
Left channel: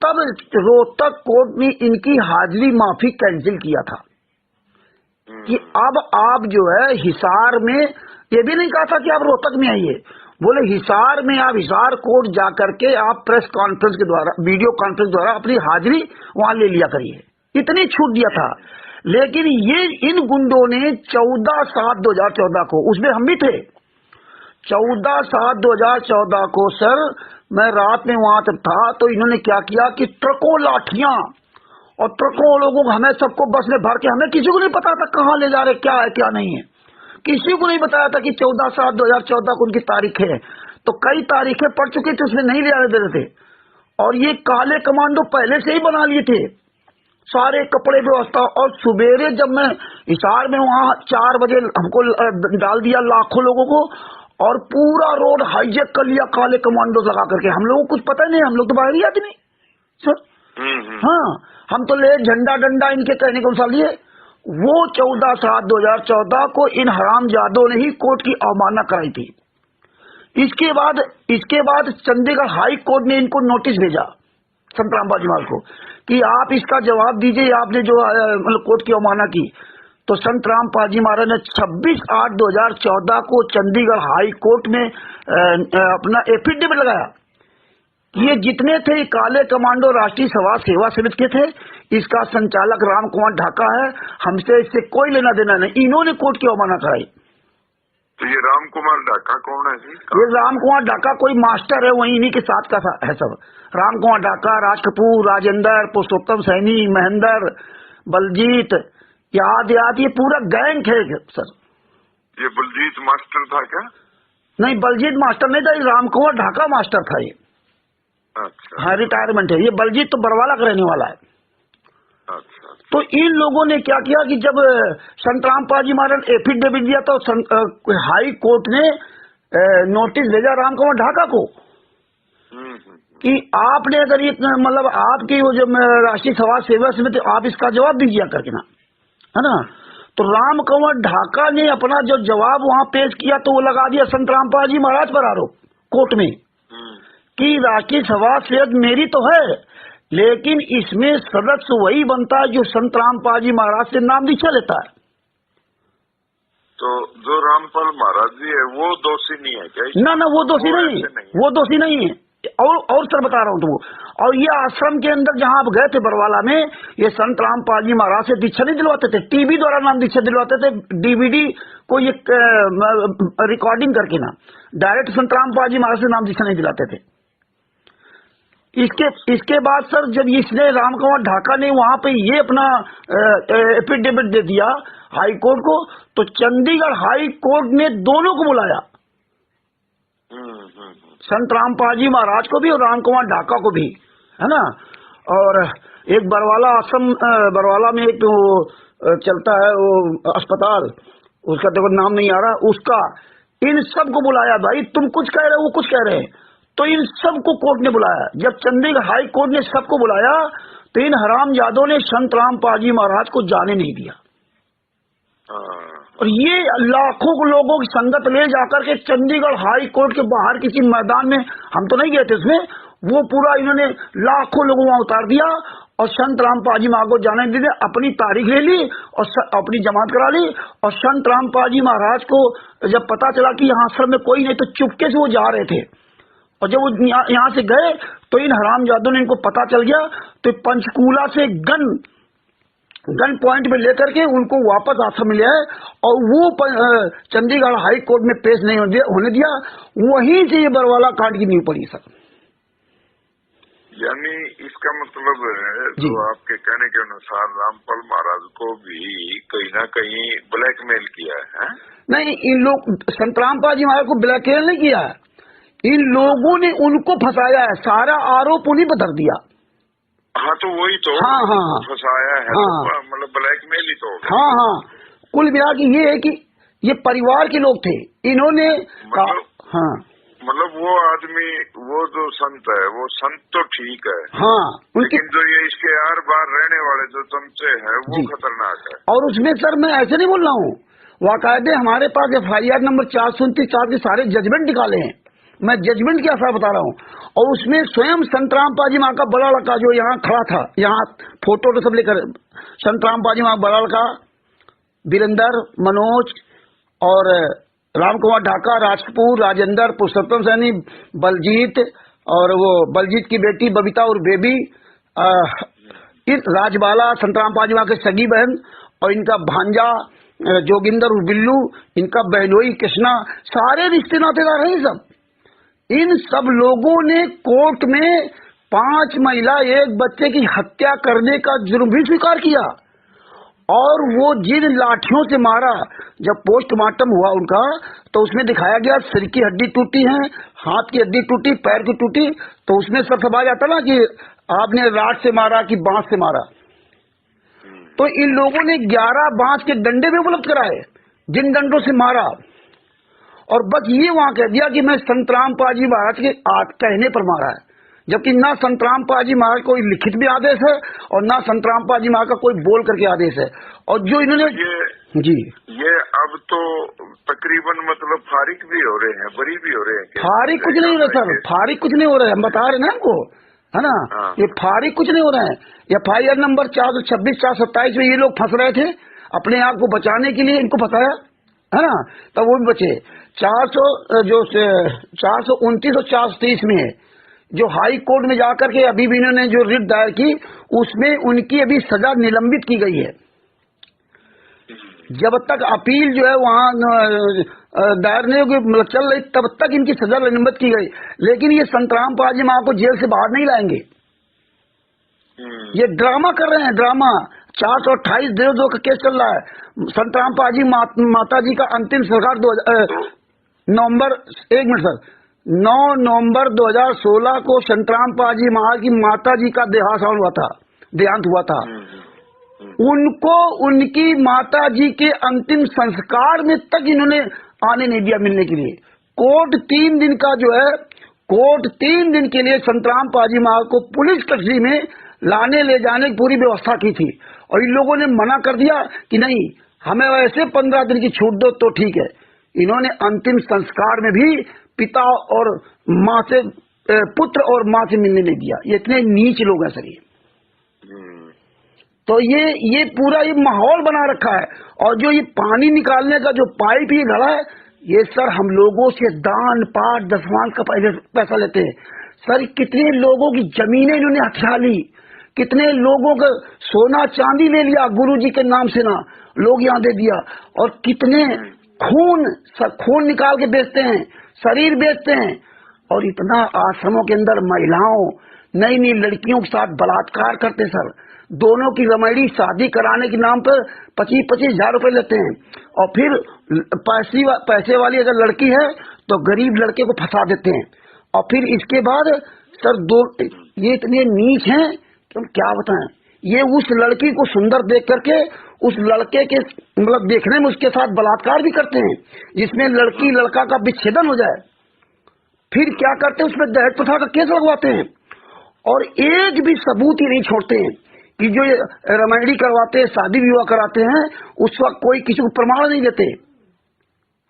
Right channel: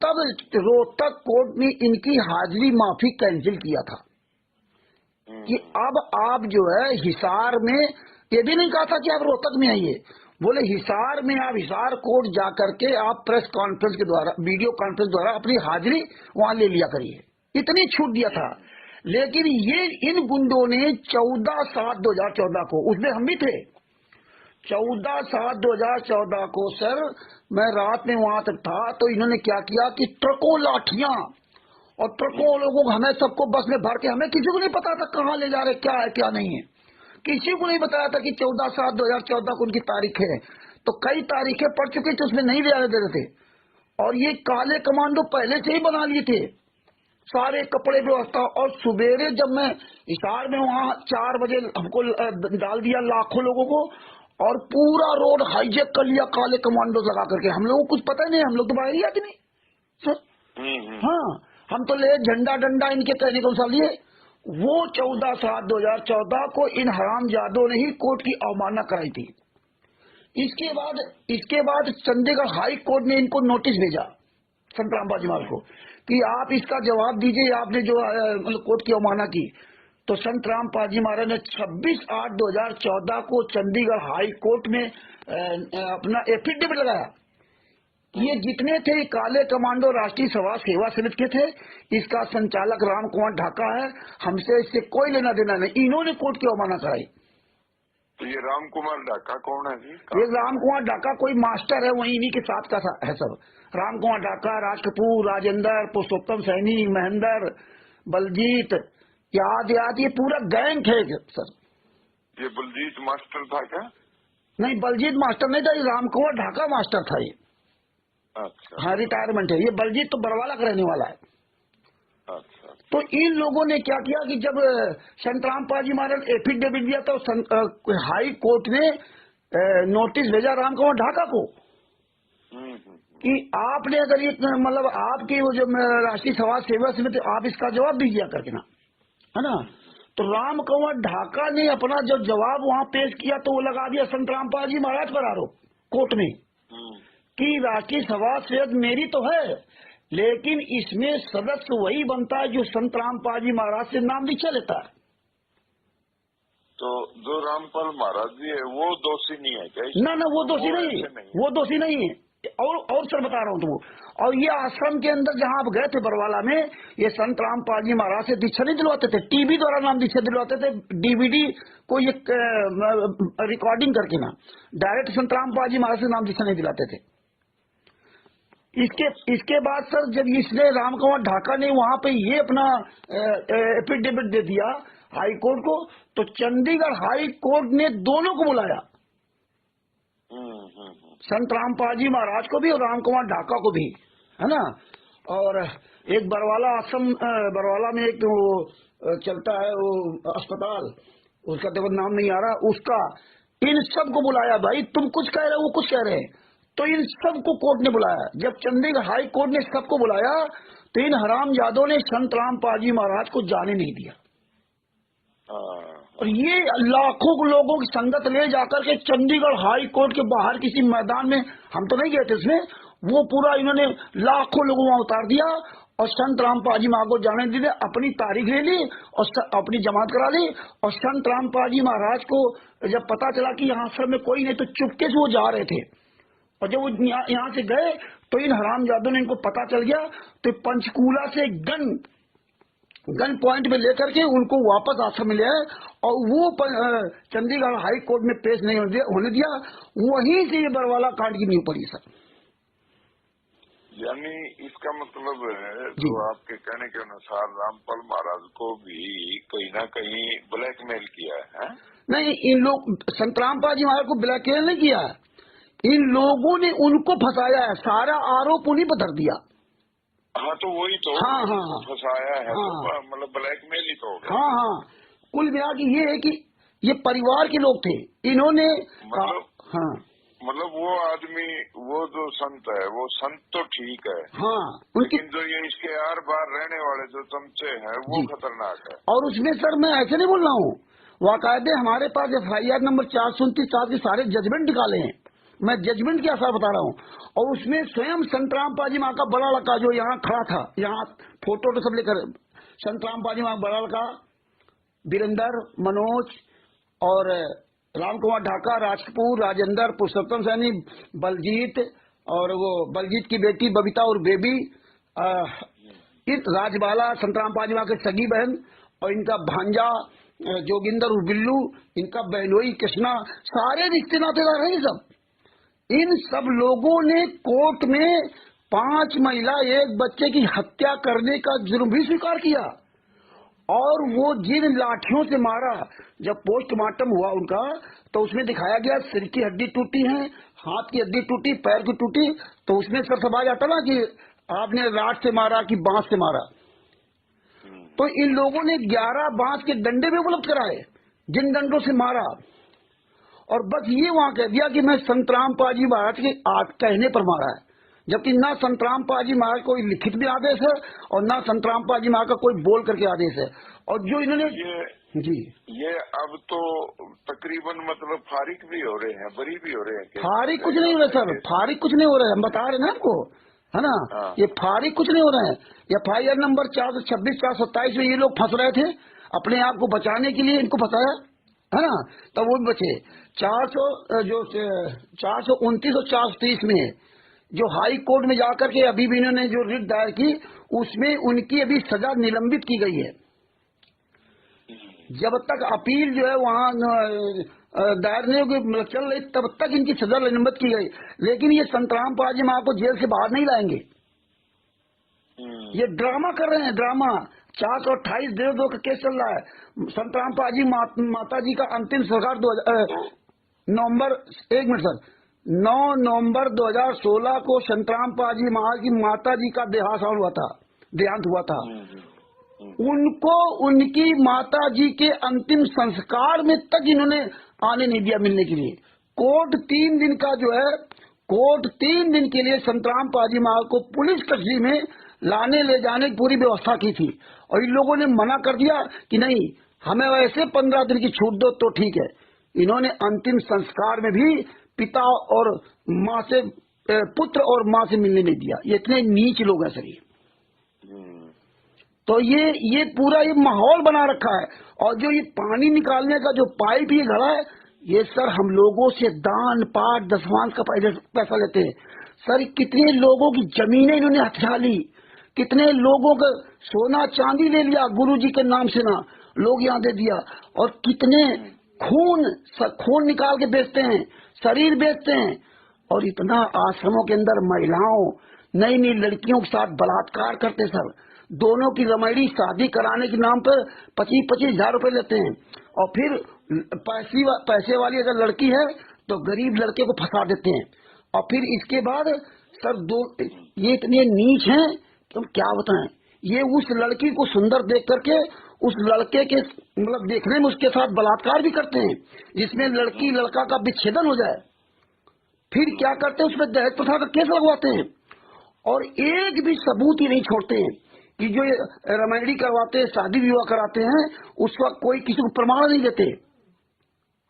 तब रोहतक कोर्ट ने इनकी हाजिरी माफी कैंसिल किया था कि अब आप जो है हिसार में, ये भी नहीं कहा था कि आप रोहतक में आइए, बोले हिसार में आप हिसार कोर्ट जा करके आप प्रेस कॉन्फ्रेंस के द्वारा, वीडियो कॉन्फ्रेंस द्वारा अपनी हाजिरी वहां ले लिया करिए, इतनी छूट दिया था। लेकिन ये इन गुंडों ने 14/7/2014 को, उसमें हम भी थे, 14/7/2014 को सर मैं रात में वहां तक था, तो इन्होंने क्या किया कि ट्रकों लाठियां और ट्रकों लोगों को, हमें सबको बस में भर के, हमें किसी को नहीं पता था कहाँ ले जा रहे, क्या है क्या नहीं है, किसी को नहीं बताया था कि 14/7/2014 को उनकी तारीख है। तो कई तारीखें पड़ चुकी थी, उसमें नहीं ले आने दे रहे थे। और ये काले कमांडो पहले से ही बना लिए थे, सारे कपड़े व्यवस्था। और सुबेरे जब मैं हिसार में वहां 4 बजे हमको डाल दिया लाखों लोगों को, और पूरा रोड हाईजेक कर लिया काले कमांडो लगा करके। हम लोगों को कुछ पता ही नहीं, हम लोग तो बाहरी आदमी सर। हाँ, हम तो ले झंडा डंडा इनके कहने के अनुसार लिए। वो 14/7/2014 को इन हरामजादों ने ही कोर्ट की अवमानना कराई थी। इसके बाद चंडीगढ़ हाई कोर्ट ने इनको नोटिस भेजा संत रामपाल जी महाराज को कि आप इसका जवाब दीजिए, आपने जो मतलब कोर्ट की अवमानना की। तो संत रामपाल जी महाराज ने 26/8/2014 को चंडीगढ़ हाई कोर्ट में अपना एफिडेविट लगाया। ये जितने थे काले कमांडो राष्ट्रीय समाज सेवा समिति के थे, इसका संचालक राम कुमार ढाका है, हमसे इससे कोई लेना देना नहीं। इन्होंने कोर्ट की अवमानना कराई। तो ये राम कुमार ढाका कौन है जी? ये राम कुमार ढाका कोई मास्टर है, वही इन्हीं के साथ का है सब। राम कुमार ढाका, राज कपूर, राजेंद्र, पुरुषोत्तम सैनी, महेंद्र, बलजीत, याद ये पूरा गैंग है सर। ये बलजीत मास्टर था क्या? नहीं, बलजीत मास्टर नहीं था, ये राम कुंवर ढाका मास्टर था ये। अच्छा। हाँ, रिटायरमेंट है ये। बलजीत तो बरवाला का रहने वाला है। अच्छा। तो इन लोगों ने क्या किया कि जब संतराम पाजी महाराज एफिडेविट दिया तो हाई कोर्ट ने नोटिस भेजा राम कुंवर ढाका को कि आपने अगर ये मतलब आपकी वो जो राष्ट्रीय समाज सेवा समिति, आप इसका जवाब दीजिए करके ना, है ना। तो राम कुंवर ढाका ने अपना जो जवाब वहां पेश किया तो वो लगा दिया संतराम पाजी महाराज पर आरोप कोर्ट में कि राष्ट्रीय सभा सेवक मेरी तो है, लेकिन इसमें सदस्य वही बनता है जो संतराम पाजी महाराज से नाम दीक्षा लेता है। तो जो रामपाल महाराज जी है वो दोषी नहीं है क्या? ना ना, वो दोषी नहीं, वो दोषी नहीं है। और सर बता रहा हूँ तुमको, और ये आश्रम के अंदर जहाँ आप गए थे बरवाला में, ये संत रामपाल जी महाराज से दीक्षा नहीं दिलवाते थे, टीवी द्वारा नाम दीक्षा दिलवाते थे, डीवीडी को ये रिकॉर्डिंग करके ना, डायरेक्ट संत रामपाल जी महाराज से नाम दीक्षा नहीं दिलाते थे। इसके बाद सर जब इसने राम कुंवर ढाका ने वहां पे ये अपना एफिडेविट दे दिया हाई कोर्ट को, तो चंडीगढ़ हाई कोर्ट ने दोनों को बुलाया, संत रामपाल जी महाराज को भी और राम कुंवर ढाका को भी, है ना। और एक बरवाला आश्रम, बरवाला में एक वो चलता है वो अस्पताल, उसका देखो नाम नहीं आ रहा, उसका इन सबको बुलाया, भाई तुम कुछ कह रहे हो वो कुछ कह रहे हैं, तो इन सबको कोर्ट ने बुलाया। जब चंडीगढ़ हाई कोर्ट ने सबको बुलाया तो इन हरामजादों ने संत रामपाल जी महाराज को जाने नहीं दिया, और ये लाखों लोगों की संगत ले जाकर के चंडीगढ़ हाई कोर्ट के बाहर किसी मैदान में, हम तो नहीं गए थे उसमें, वो पूरा इन्होंने लाखों लोगों वहां उतार दिया और संत रामपाल जी महाराज को जाने नहीं दिया। अपनी तारीख ले ली और अपनी जमात करा ली, और संत रामपाल जी महाराज को जब पता चला कि यहाँ आश्रम में कोई नहीं, तो चुपके से वो जा रहे थे, और जब वो यहाँ से गए तो इन हरामजादों ने इनको पता चल गया, तो पंचकूला से गन पॉइंट में लेकर के उनको वापस आश्रम में ले आए, और वो चंडीगढ़ हाई कोर्ट में पेश नहीं होने दिया। वहीं से ये बरवाला कांड की नींव पड़ी सर। यानी इसका मतलब है जो आपके कहने के अनुसार रामपाल महाराज को भी कहीं ना कहीं ब्लैकमेल किया है? नहीं, इन लोग संत रामपाल जी महाराज को ब्लैकमेल नहीं किया, इन लोगों ने उनको फंसाया है, सारा आरोप उन्हीं पर धर दिया। हाँ, तो वही तो हाँ फंसाया है, हाँ, मतलब ब्लैकमेल ही तो। हाँ, कुल मिला के ये है कि ये परिवार के लोग थे, इन्होंने मतलब वो आदमी, वो जो संत है, वो संत तो ठीक है, हाँ, लेकिन जो ये इसके आर बार रहने वाले जो चमचे हैं वो खतरनाक है। और उसमें सर मैं ऐसे नहीं बोल रहा हूँ, वाकायदे हमारे पास FIR नंबर 429 के सारे जजमेंट निकाले हैं, मैं जजमेंट के आसार बता रहा हूँ। और उसमें स्वयं संत रामपाल जी महाराज का बड़ा लड़का जो यहाँ खड़ा था, यहाँ फोटो तो सब लेकर, संत रामपाल जी महाराज बड़ा लड़का वीरेंद्र, मनोज और राम कुंवर ढाका, राजकपूर, राजेंद्र, पुरुषोत्तम सैनी, बलजीत, और वो बलजीत की बेटी बबीता और बेबी, राजबाला, संत रामपाल जी महाराज की सगी बहन, और इनका भांजा जोगिंदर और बिल्लू, इनका बहनोई कृष्णा, सारे रिश्ते नातेदार हैं सब। इन सब लोगों ने कोर्ट में 5 महिला 1 बच्चे की हत्या करने का जुर्म भी स्वीकार किया, और वो जिन लाठियों से मारा, जब पोस्टमार्टम हुआ उनका तो उसमें दिखाया गया सिर की हड्डी टूटी है, हाथ की हड्डी टूटी, पैर की टूटी, तो उसमें सब समझ आता ना कि आपने राड से मारा कि बांस से मारा। तो इन लोगों ने 11 बांस के डंडे भी उपलब्ध कराए, जिन डंडों से मारा, और बस ये वहां कह दिया कि मैं संत रामपाल जी महाराज के कहने पर मारा है, जबकि ना संत रामपाल जी महाराज कोई लिखित भी आदेश है और ना संत रामपाल जी महाराज का कोई बोल करके आदेश है। और जो इन्होंने ये अब तो तकरीबन मतलब फारिग भी हो रहे हैं, बरी भी हो रहे हैं। फारिग कुछ नहीं हो रहा सर, फारिग कुछ नहीं हो रहा है, हम बता रहे ना हमको, है ना। ये फारिग कुछ नहीं हो रहा है। FIR नंबर 426 427 में ये लोग फंस रहे थे, अपने आप को बचाने के लिए इनको फंसाया, है ना, तब वो भी बचे। 429 और 430 में जो हाई कोर्ट में जाकर के अभी भी इन्होंने जो रिट दायर की, उसमें उनकी अभी सजा निलंबित की गई है। जब तक अपील जो है वहाँ दायर नहीं होगी, मतलब चल रही, तब तक इनकी सजा निलंबित की गई। लेकिन ये संत रामपाल जी महाराज को जेल से बाहर नहीं लाएंगे, ये ड्रामा कर रहे हैं, ड्रामा। 428 देशद्रोह का केस चल रहा है, संत रामपाल जी माता जी का अंतिम संस्कार नवंबर 9 नवंबर 2016 को संत रामपाल जी महाराज की माता जी का देहांत हुआ था। उनको उनकी माता जी के अंतिम संस्कार में तक इन्होंने आने नहीं दिया मिलने के लिए। कोर्ट 3 दिन का जो है, कोर्ट 3 दिन के लिए संत रामपाल जी महाराज को पुलिस कस्टडी में लाने ले जाने की पूरी व्यवस्था की थी, और इन लोगों ने मना कर दिया कि नहीं, हमें वैसे 15 दिन की छूट दो तो ठीक है। इन्होंने अंतिम संस्कार में भी पिता और माँ से, पुत्र और माँ से मिलने नहीं दिया। ये इतने नीच लोग हैं सर ये। तो ये पूरा ये माहौल बना रखा है। और जो ये पानी निकालने का जो पाइप ये घड़ा है, ये सर हम लोगों से दान पाठ दसवांश का पैसा लेते हैं सर। कितने लोगों की जमीनें इन्होंने हथिया ली, कितने लोगों का सोना चांदी ले लिया गुरुजी के नाम से, ना लोग यहाँ दे दिया। और कितने खून निकाल के बेचते हैं, शरीर बेचते हैं। और इतना आश्रमों के अंदर महिलाओं, नई नई लड़कियों के साथ बलात्कार करते सर। दोनों की रमैड़ी शादी कराने के नाम पर 25-25 हजार रुपए लेते हैं। और फिर पैसे वाली अगर लड़की है तो गरीब लड़के को फंसा देते हैं। और फिर इसके बाद सर ये इतने नीच हैं कि हम क्या बताएं। ये उस लड़की को सुंदर देख करके उस लड़के के मतलब देखने में उसके साथ बलात्कार भी करते हैं, जिसमें लड़की लड़का का विच्छेदन हो जाए। फिर क्या करते हैं, उसमें दहेज प्रथा का केस लगवाते हैं। और एक भी सबूत ही नहीं छोड़ते हैं कि जो ये रमैडी करवाते हैं, शादी विवाह कराते हैं, उस वक्त कोई किसी को प्रमाण नहीं देते।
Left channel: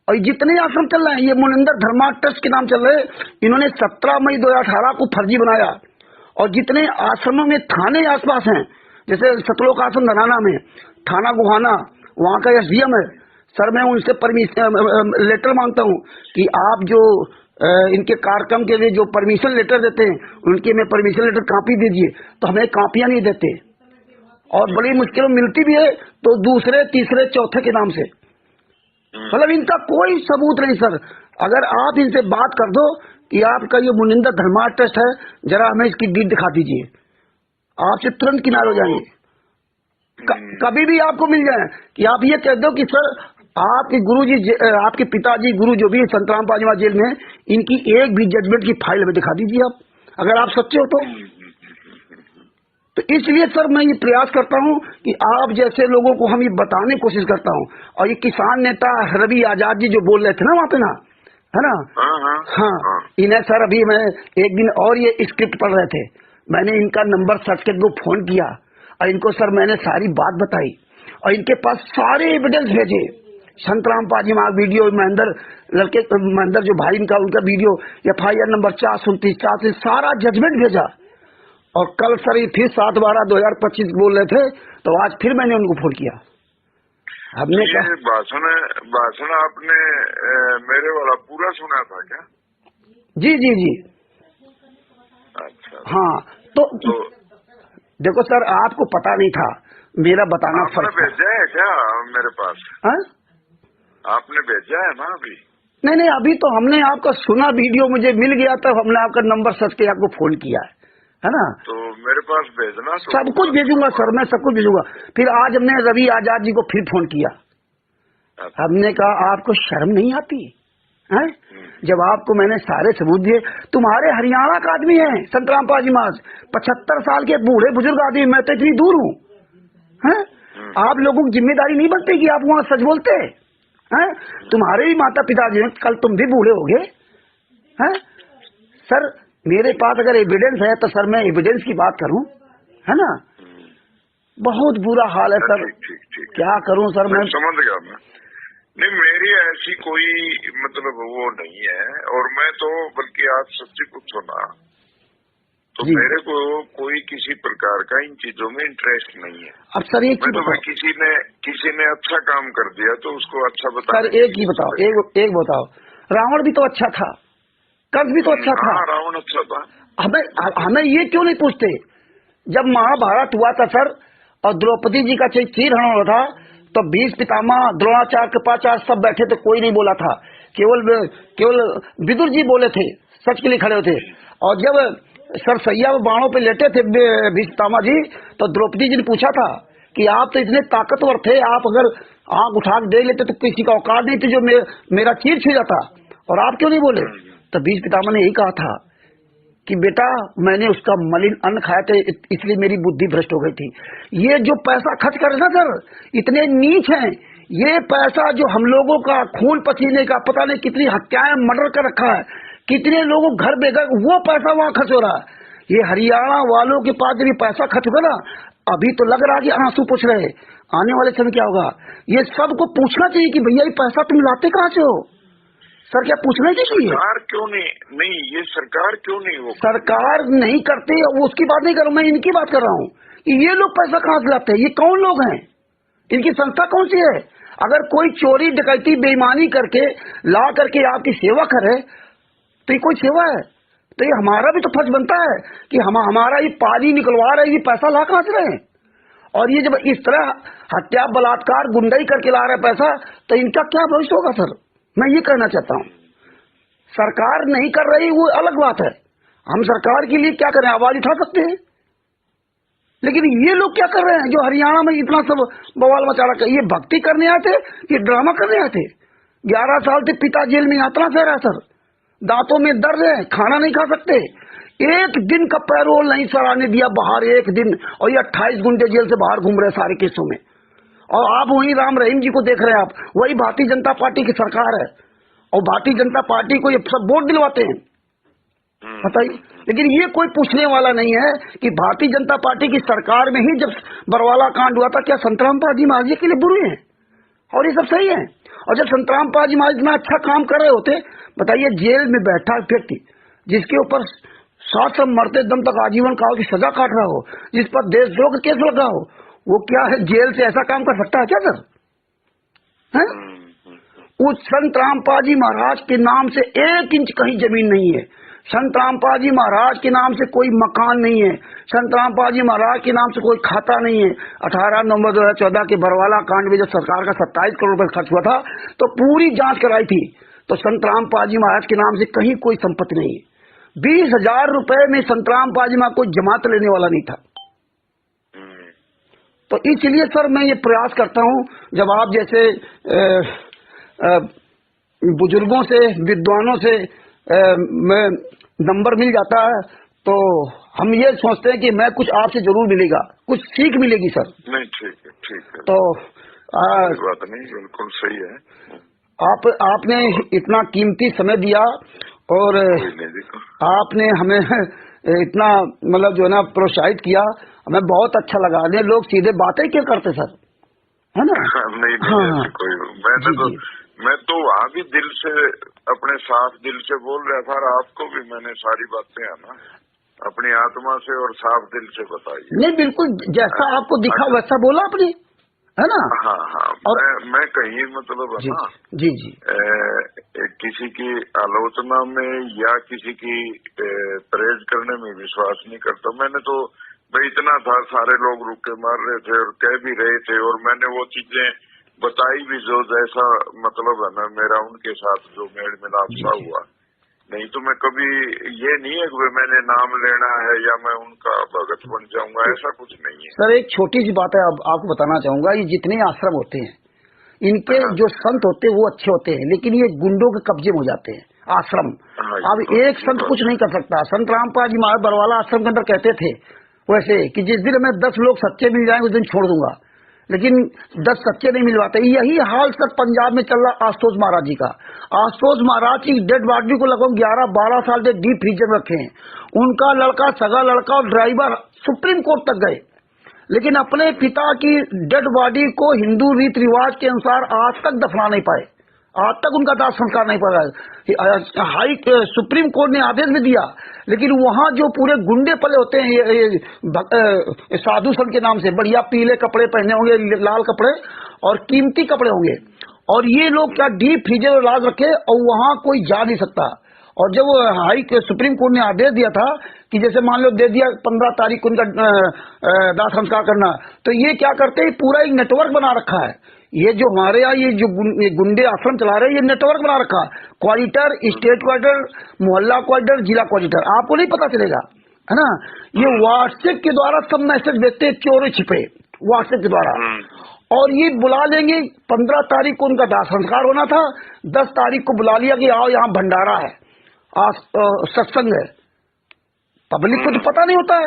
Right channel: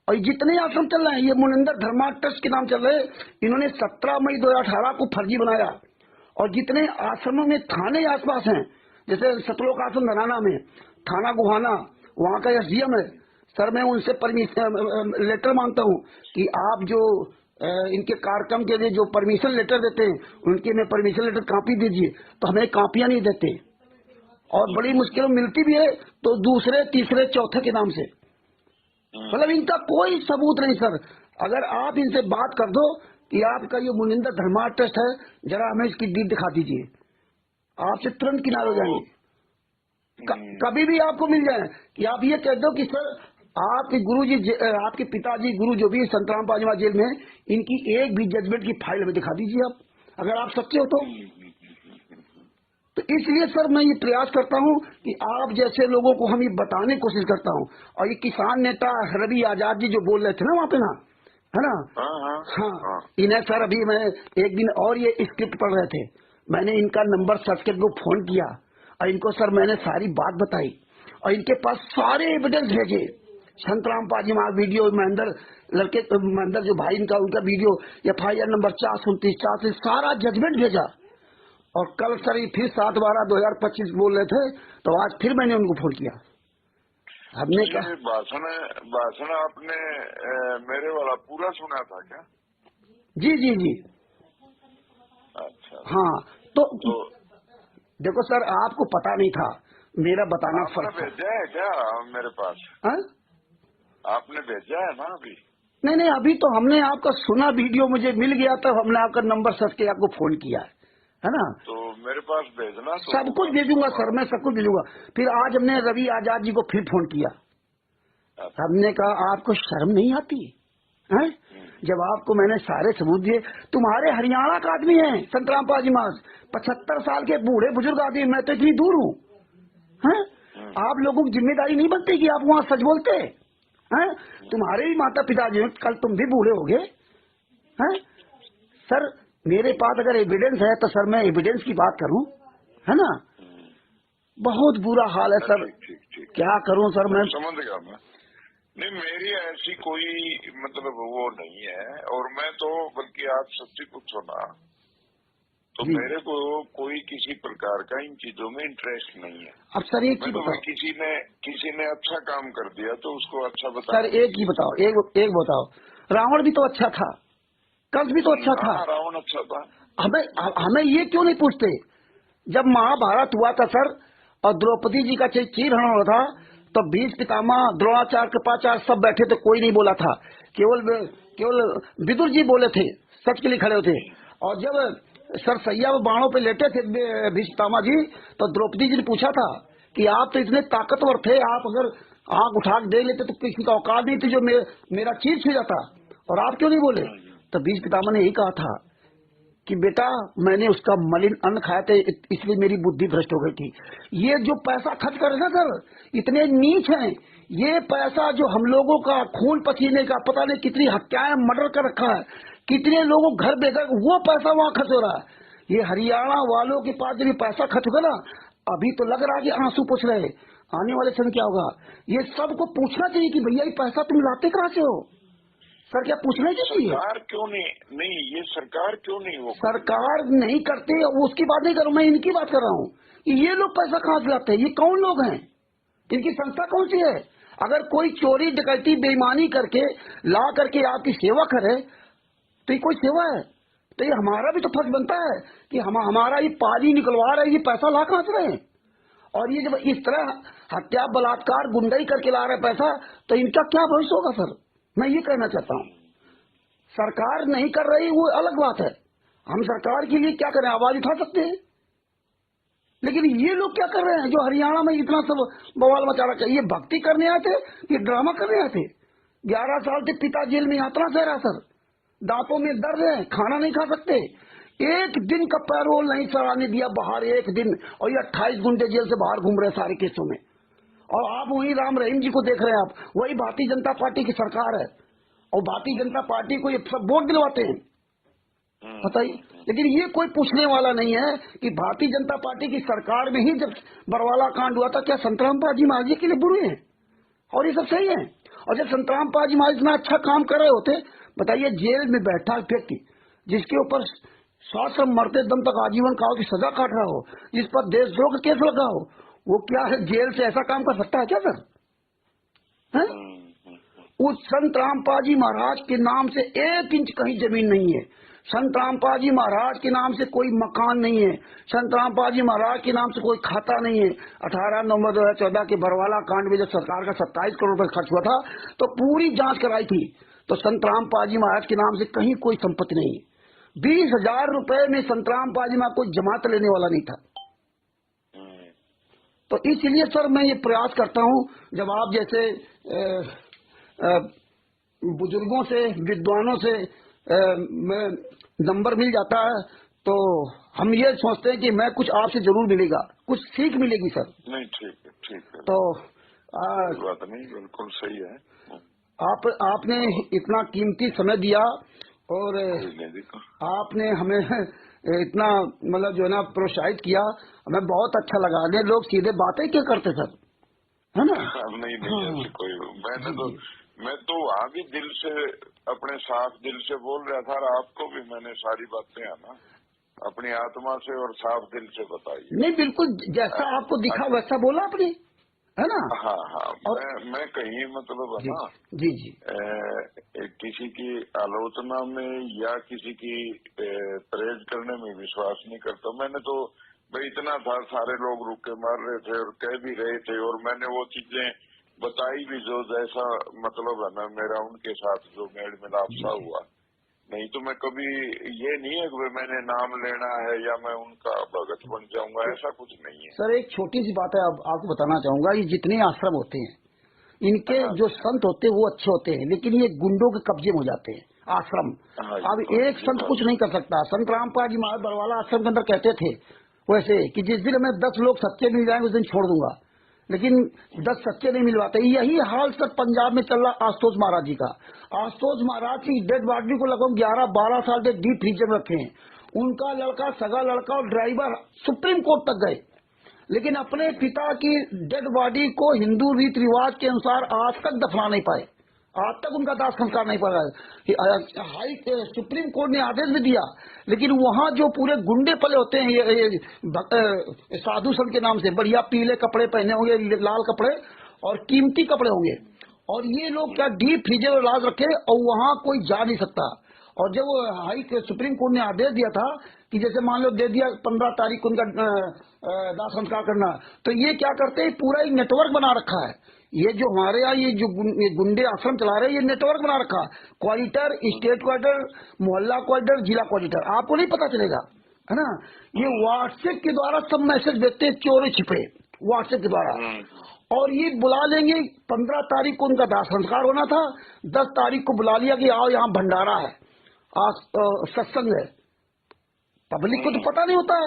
और जितने आश्रम चल रहे हैं, ये मुनिंदर धर्मा ट्रस्ट के नाम चल रहे हैं, इन्होंने 17 मई 2018 को फर्जी बनाया। और जितने आश्रमों में थाने आसपास हैं, जैसे सतलोक आश्रम धनाना में थाना गुहाना, वहाँ का SDM है सर, मैं उनसे परमिशन लेटर मांगता हूँ कि आप जो इनके कार्यक्रम के लिए जो परमिशन लेटर देते हैं, उनकी हमें परमिशन लेटर कॉपी दीजिए। तो हमें कॉपियां नहीं देते, और बड़ी मुश्किल मिलती भी है तो दूसरे तीसरे चौथे के नाम से। मतलब इनका कोई सबूत नहीं सर। अगर आप इनसे बात कर दो कि आपका ये मुनिंदर धर्मा ट्रस्ट है, जरा हमें इसकी डीड दिखा दीजिए, आपसे तुरंत किनारे हो जाएंगे। कभी भी आपको मिल जाए कि आप ये कह दो कि सर आपके गुरुजी, आपके पिताजी गुरु जो भी संत रामपाल जी जेल में, इनकी एक भी जजमेंट की फाइल हमें दिखा दीजिए आप, अगर आप सच्चे हो तो इसलिए सर मैं ये प्रयास करता हूँ कि आप जैसे लोगों को हम ये बताने की कोशिश करता हूँ। और ये किसान नेता रवि आजाद जी जो बोल रहे थे ना वहाँ पे ना, है ना, हाँ, इन्हें सर अभी मैं एक दिन और ये स्क्रिप्ट पढ़ रहे थे, मैंने इनका नंबर सर्च करके इनको फोन किया और इनको सर मैंने सारी बात बताई और इनके पास सारे एविडेंस भेजे। संत रामपाल जी वहाँ वीडियो, महेंद्र जो भाई इनका, उनका वीडियो, FIR नंबर 429 सारा जजमेंट भेजा। और कल सर ये फिर 7/12/2025 बोल रहे थे, तो आज फिर मैंने उनको फोन किया। हमने कहा भाषण आपने मेरे वाला पूरा सुना था क्या? जी। अच्छा, हाँ, तो देखो सर, आपको पता नहीं था, मेरा बताना फर्क था। भेजा है क्या मेरे पास? आपने भेजा है ना अभी? नहीं, अभी तो हमने आपका सुना, वीडियो मुझे मिल गया, तब हमने आपका नंबर सर्च के आपको फोन किया है ना। तो मेरे पास भेजना, तो सब कुछ भेजूंगा सर, मैं सब कुछ भेजूंगा। फिर आज हमने रवि आजाद जी को फिर फोन किया। हमने कहा आपको शर्म नहीं आती है? जब आपको मैंने सारे सबूत दिए, तुम्हारे हरियाणा का आदमी है संत रामपाल जी महाराज, 75 साल के बूढ़े बुजुर्ग आदमी, मैं तो इतनी दूर हूँ, आप लोगों की जिम्मेदारी नहीं बनती कि आप वहाँ सच बोलते हैं? तुम्हारे भी माता पिता जी, कल तुम भी बूढ़े हो गए। सर मेरे पास अगर एविडेंस है तो सर मैं एविडेंस की बात करूं, है ना। बहुत बुरा हाल है सर। ठीक। क्या करूं सर, मैं समझ गया। मैं नहीं, मेरी ऐसी कोई मतलब वो नहीं है, और मैं तो बल्कि आप सच्ची पूछो ना तो मेरे को कोई किसी प्रकार का इन चीजों में इंटरेस्ट नहीं है। अब सर एक ही बताओ, किसी ने अच्छा काम कर दिया तो उसको अच्छा बताओ। सर एक ही बताओ, एक बताओ, रावण भी तो अच्छा था, कंस भी तो अच्छा था। रावण अच्छा था। हमें ये क्यों नहीं पूछते? जब महाभारत हुआ था सर, और द्रौपदी जी का चीरहरण हुआ था, तो 20 पितामह, द्रोणाचार्य, कृपाचार्य सब बैठे थे, कोई नहीं बोला था, केवल विदुर जी बोले थे, सच के लिए खड़े थे। और जब सर सैया बाणों पे लेटे थे 20 पितामह जी, तो द्रौपदी जी ने पूछा था कि आप तो इतने ताकतवर थे, आप अगर आंख उठा के देख लेते तो किसी का औकात नहीं थी जो मेरा चीर छू जाता, और आप क्यों नहीं बोले? तब बीज पितामह ने यही कहा था कि बेटा मैंने उसका मलिन अन्न खाया था इसलिए मेरी बुद्धि भ्रष्ट हो गई थी। ये जो पैसा खर्च कर रहे ना सर, इतने नीच हैं। ये पैसा जो हम लोगों का खून पसीने का, पता नहीं कितनी हत्याएं मर्डर कर रखा है, कितने लोगों घर बेघर, वो पैसा वहां खर्च हो रहा है। ये हरियाणा वालों के पास जब ये पैसा खर्च होगा ना, अभी तो लग रहा कि आंसू पूछ रहे, आने वाले समय क्या होगा? ये सबको पूछना चाहिए कि भैया ये पैसा तुम लाते कहाँ से हो? सर क्या पूछना चाहिए? सरकार क्यों नहीं ये सरकार क्यों नहीं हो? सरकार नहीं करती, वो उसकी बात नहीं कर रहा हूं, मैं इनकी बात कर रहा हूँ कि ये लोग पैसा कहाँ से लाते हैं, ये कौन लोग हैं, इनकी संस्था कौन सी है? अगर कोई चोरी डकैती बेईमानी करके ला करके आपकी सेवा करे तो ये कोई सेवा है? तो ये हमारा भी तो फर्ज बनता है कि हमारा ये पानी निकलवा रहे, ये पैसा ला कहाँ से रहे? और ये जब इस तरह हत्या बलात्कार गुंडाई करके ला रहे पैसा, तो इनका क्या भविष्य होगा सर? मैं ये कहना चाहता हूँ, सरकार नहीं कर रही वो अलग बात है, हम सरकार के लिए क्या करें, आवाज उठा सकते हैं। लेकिन ये लोग क्या कर रहे हैं जो हरियाणा में इतना सब बवाल मचा रहा है? ये भक्ति करने आए थे कि ड्रामा करने आए थे? 11 साल से पिता जेल में यातना सह रहा सर, दांतों में दर्द है, खाना नहीं खा सकते, एक दिन का पैरोल नहीं सर आने दिया बाहर, एक दिन, और ये 28 गुंडे जेल से बाहर घूम रहे सारे केसों में। और आप वही राम रहीम जी को देख रहे हैं, आप वही भारतीय जनता पार्टी की सरकार है, और भारतीय जनता पार्टी को ये सब वोट दिलवाते हैं, बताइए। लेकिन ये कोई पूछने वाला नहीं है कि भारतीय जनता पार्टी की सरकार में ही जब बरवाला कांड हुआ था, क्या संतराम पाजी महाराज के लिए बुरे हैं और ये सब सही है? और जब संतराम पाजी महाराज इतना अच्छा काम कर रहे होते, बताइए, जेल में बैठा व्यक्ति जिसके ऊपर सात मरते दम तक आजीवन काल की सजा काट रहा हो, जिस पर देशद्रोह का केस लगा हो, वो क्या है जेल से ऐसा काम कर सकता है क्या सर? है? उस संत रामपाल जी महाराज के नाम से 1 इंच कहीं जमीन नहीं है, संत रामपाल जी महाराज के नाम से कोई मकान नहीं है, संत रामपाल जी महाराज के नाम से कोई खाता नहीं है। 18 नवंबर 2014 के बरवाला कांड में जब सरकार का 27 करोड़ रुपए खर्च हुआ था तो पूरी जांच कराई थी, तो संत रामपाल जी महाराज के नाम से कहीं कोई संपत्ति नहीं है। 20,000 रुपए में संत रामपाल जी महाराज कोई जमात लेने वाला नहीं था। तो इसलिए सर मैं ये प्रयास करता हूँ, जब आप जैसे बुजुर्गों से, विद्वानों से नंबर मिल जाता है, तो हम ये सोचते हैं कि मैं कुछ आपसे जरूर मिलेगा, कुछ सीख मिलेगी सर। नहीं, ठीक है। तो बात नहीं, बिल्कुल सही है। आपने इतना कीमती समय दिया और आपने हमें इतना मतलब जो है ना प्रोत्साहित किया, हमें बहुत अच्छा लगा। ने लोग सीधे बातें क्या करते सर, है ना? नहीं, हाँ, कोई मैं तो अभी दिल से, अपने साफ दिल से बोल रहा था, आपको भी मैंने सारी बातें है ना अपनी आत्मा से और साफ दिल से बताई। नहीं, बिल्कुल जैसा आपको दिखा वैसा बोला आपने, है ना? हाँ। और मैं कहीं मतलब है ना जी किसी की आलोचना में या किसी की प्रेज करने में विश्वास नहीं करता। मैंने तो भाई इतना था, सारे लोग रुक के मार रहे थे और कह भी रहे थे, और मैंने वो चीजें बताई भी जो जैसा मतलब है ना मेरा उनके साथ जो मेल मिलाप सा हुआ। नहीं तो मैं कभी ये नहीं है कि मैंने नाम लेना है या मैं उनका भगत बन जाऊंगा, ऐसा कुछ नहीं है सर। एक छोटी सी बात है, अब आपको बताना चाहूंगा, ये जितने आश्रम होते हैं इनके जो संत होते हैं वो अच्छे होते हैं, लेकिन ये गुंडों के कब्जे में हो जाते हैं आश्रम। अब एक संत कुछ नहीं कर सकता। संत रामपाल जी महाराज बरवाला आश्रम के अंदर कहते थे वैसे कि जिस दिन हमें 10 लोग सच्चे मिल जाएंगे उस दिन छोड़ दूंगा, लेकिन 10 सच्चे नहीं मिलवाते। यही हाल सर पंजाब में चल रहा आशुतोष महाराज जी का। आशुतोष महाराज की डेड बॉडी को लगभग 11-12 साल से डीप फ्रीजर में रखे हैं। उनका लड़का, सगा लड़का और ड्राइवर सुप्रीम कोर्ट तक गए, लेकिन अपने पिता की डेड बॉडी को हिंदू रीति रिवाज के अनुसार आज तक दफना नहीं पाए, आज तक उनका दाह संस्कार नहीं पड़ा। सुप्रीम कोर्ट ने आदेश भी दिया, लेकिन वहां जो पूरे गुंडे पले होते हैं साधु संत के नाम से, बढ़िया पीले कपड़े पहने होंगे, लाल कपड़े और कीमती कपड़े होंगे, और ये लोग क्या डीप फ्रीजर में लाज रखे और वहां कोई जा नहीं सकता। और जब सुप्रीम कोर्ट ने आदेश दिया था कि जैसे मान लो दे दिया 15 तारीख को उनका दाह संस्कार करना, तो ये क्या करते हैं, पूरा एक नेटवर्क बना रखा है। ये जो हमारे यहाँ ये जो गुंडे आश्रम चला रहे हैं, ये नेटवर्क बना रखा है, क्वार्टर, स्टेट क्वार्टर, मोहल्ला क्वार्टर, जिला क्वार्टर, आपको नहीं पता चलेगा, है ना? ये व्हाट्सएप के द्वारा सब मैसेज भेजते हैं, चोरी छिपे व्हाट्सएप के द्वारा। और ये बुला लेंगे। 15 तारीख को उनका दाह संस्कार होना था, 10 तारीख को बुला लिया कि आओ यहाँ भंडारा है, सत्संग है। पब्लिक को तो पता नहीं होता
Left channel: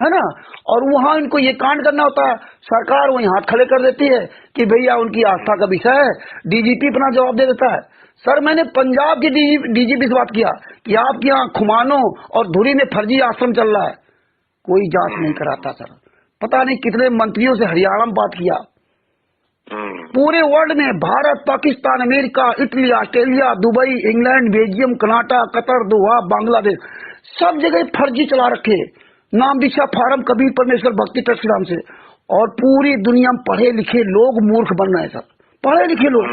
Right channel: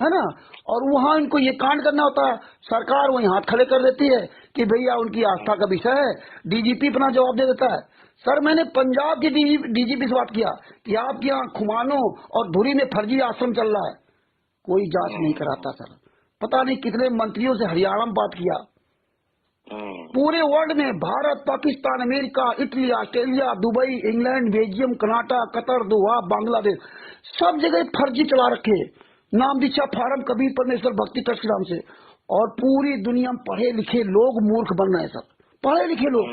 है ना। और वहां इनको ये कांड करना होता है, सरकार वहीं हाथ खड़े कर देती है कि भैया उनकी आस्था का विषय है। डीजीपी अपना जवाब दे देता है। सर, मैंने पंजाब की डीजीपी से बात किया कि आपके यहाँ खुमानो और धुरी में फर्जी आश्रम चल रहा है, कोई जांच नहीं कराता। सर, पता नहीं कितने मंत्रियों से हरियाणा में बात किया। पूरे वर्ल्ड में Bharat, Pakistan, America, Italy, Australia, Dubai, England, Belgium, Canada, Qatar, Doha, Bangladesh, सब जगह फर्जी चला रखे। नाम दीक्षा फार्म कबीर परमेश्वर भक्ति ट्रस्ट के नाम से। और पूरी दुनिया में पढ़े लिखे लोग मूर्ख बन रहे हैं। सर, पढ़े लिखे लोग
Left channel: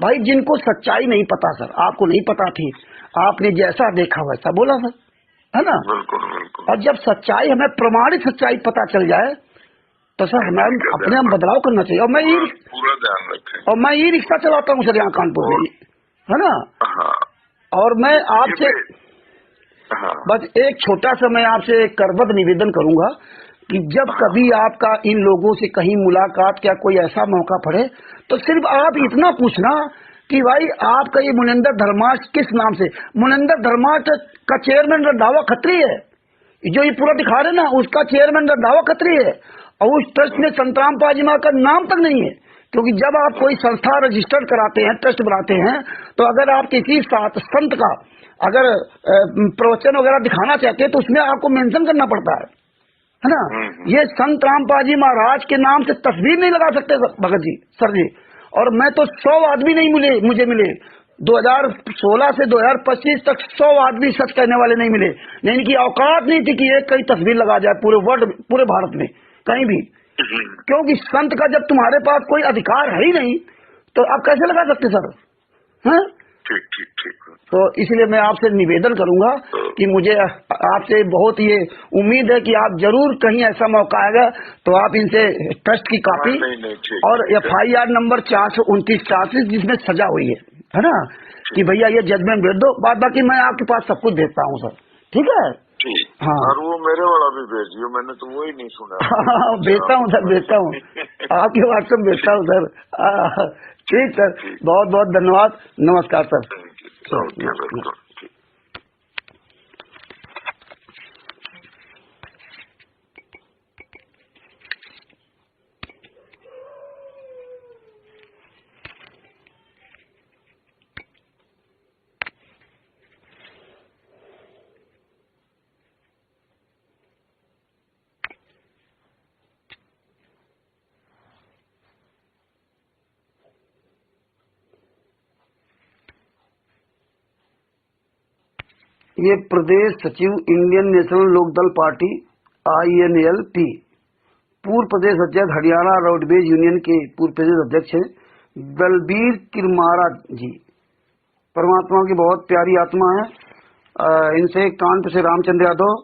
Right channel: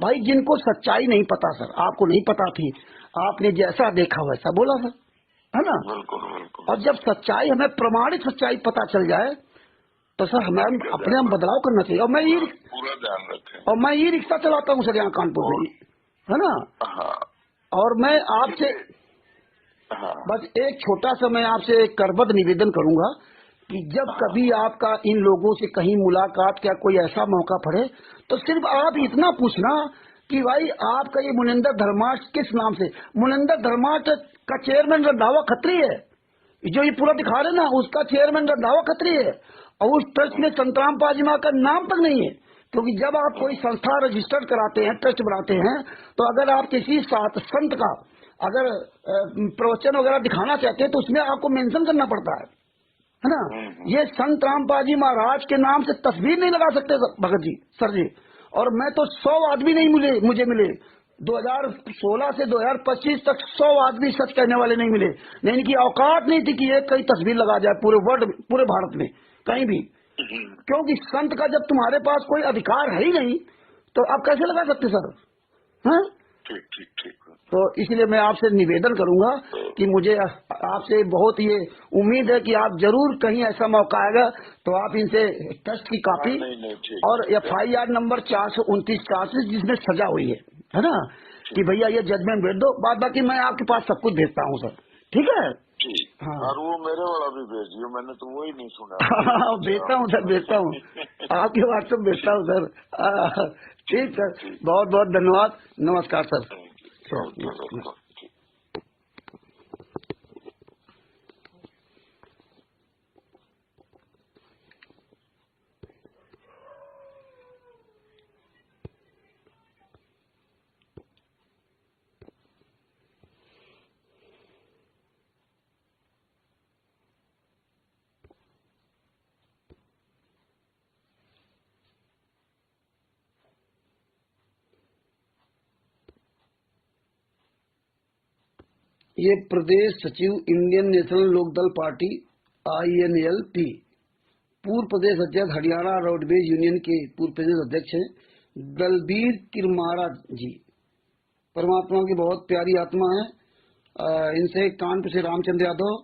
भाई, जिनको सच्चाई नहीं पता। सर, आपको नहीं पता थी, आपने जैसा देखा वैसा बोला सर, है ना। और जब सच्चाई, हमें प्रमाणित सच्चाई पता चल जाए तो सर हमें अपने हम बदलाव करना चाहिए। और मैं ये पूरा ध्यान रखें। और मैं ये रिक्शा चलाता हूँ सर यहाँ कानपुर में, है ना। और मैं आपसे बस एक छोटा सा मैं आपसे करबद्ध निवेदन करूंगा कि जब कभी आपका इन लोगों से कहीं मुलाकात या कोई ऐसा मौका पड़े तो सिर्फ आप इतना पूछना कि भाई आपका ये मुनिंदर धर्मार्थ किस नाम से। मुनिंदर धर्मार्थ का चेयरमैन रंधावा खत्री है, जो ये पूरा दिखा रहे ना, उसका चेयरमैन रंधावा खत्री है। और उस ट्रस्ट में संतराम पाजी मां का नाम तक नहीं है। क्योंकि जब आप कोई संस्था रजिस्टर्ड कराते हैं, ट्रस्ट बनाते हैं, तो अगर आप किसी संत का अगर प्रवचन वगैरह दिखाना चाहते हैं तो उसमें आपको मेंशन करना पड़ता है ना। ये संत रामपाल महाराज के नाम से तस्वीर नहीं लगा सकते भगत जी, सर जी। और मैं तो 100 आदमी नहीं मिले, मुझे मिले 2016 से 2025 तक 100 आदमी सच कहने वाले नहीं मिले। नहीं, इनकी औकात नहीं थी कि एक कई तस्वीर लगा जाए पूरे वर्ल्ड, पूरे भारत में कहीं भी। क्योंकि संत का जब तुम्हारे पास कोई अधिकार है ही नहीं तो आप कैसे लगा सकते सर, हैं? ठीक। तो इसलिए मैं आपसे निवेदन करूंगा कि मुझे आपसे बहुत ये उम्मीद है कि आप जरूर कहीं ऐसा मौका आएगा तो आप इनसे ट्रस्ट की कॉपी और FIR नंबर 429-44 जिसमें सजा हुई है ना, कि भैया ये जजमेंट भेज दो। बाकी मैं आपके पास सब कुछ भेजता हूँ सर, ठीक है। हाँ, और वो मेरे वाला भी भेजियो, मैंने तो वो ही नहीं सुना। भेजता हूँ सर, भेजता हूँ आपके व्हाट्सएप भेजता हूँ सर। ठीक सर, बहुत बहुत धन्यवाद, नमस्कार सर। ये प्रदेश सचिव Indian National Lokdal party INLP, पूर्व प्रदेश अध्यक्ष हरियाणा रोडवेज यूनियन के पूर्व प्रदेश अध्यक्ष हैं दलबीर किरमारा जी। परमात्मा की बहुत प्यारी आत्मा है। इनसे कानपुर से रामचंद्र यादव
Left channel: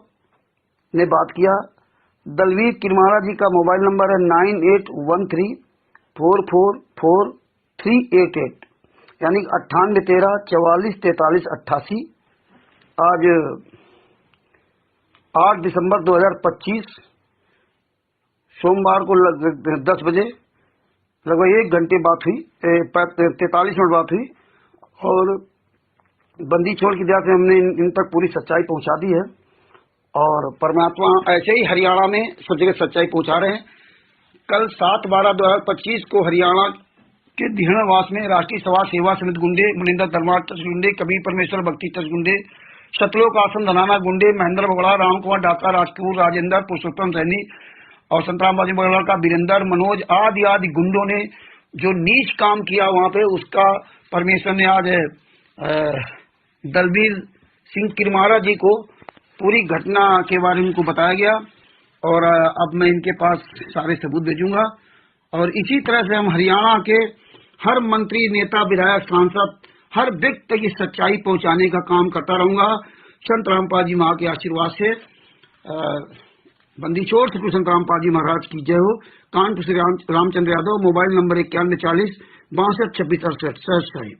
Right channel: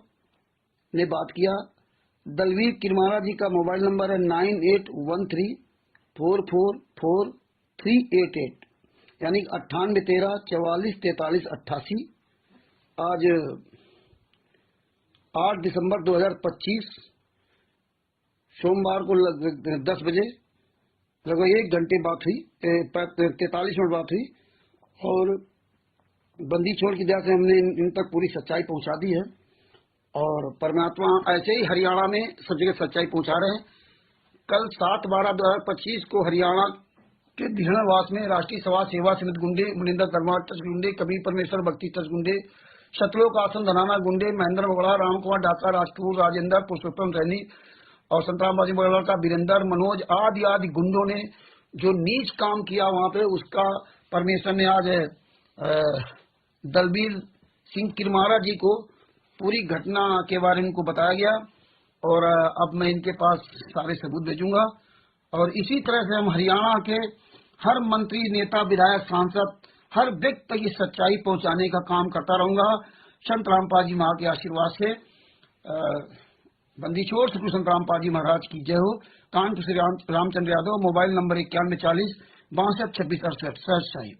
ने बात किया। दलबीर किरमारा जी का मोबाइल नंबर है 9813444388, यानी 9813444388। आज 8 दिसंबर 2025 सोमवार को 10 बजे लगभग 1 घंटे बात हुई, 43 मिनट बात हुई। और बंदी छोड़ की दया से हमने इन तक पूरी सच्चाई पहुंचा दी है। और परमात्मा ऐसे ही हरियाणा में सब जगह सच्चाई पहुंचा रहे हैं। कल 7/12/2025 को हरियाणा के धीणवास में राष्ट्रीय सभा सेवा समिति गुंडे, मुनिंदर धर्मार्थ ट्रस्ट गुंडे, कबीर परमेश्वर भक्ति ट्रस्ट गुंडे, सतलोक आश्रम धनाना गुंडे, महेंद्र बगड़ा, राम कुमार डाका, राजपूत राजेंद्र, पुरुषोत्तम सैनी और संतराम बाजी बगड़ा का वीरेंद्र, मनोज आदि गुंडों ने जो नीच काम किया वहां पे, उसका परमेश्वर ने आज दलबीर सिंह किरमारा जी को पूरी घटना के बारे में उनको बताया गया। और अब मैं इनके पास सारे सबूत भेजूंगा। और इसी तरह से हम हरियाणा के हर मंत्री, नेता, विधायक, सांसद, हर व्यक्ति की सच्चाई पहुंचाने का काम करता रहूंगा। संत रामपाल जी महाराज के आशीर्वाद से बंदी छोड़ श्री संत रामपाल जी महाराज की जय हो। कानपुर से रामचंद्र यादव, मोबाइल नंबर 9140 62 26 68।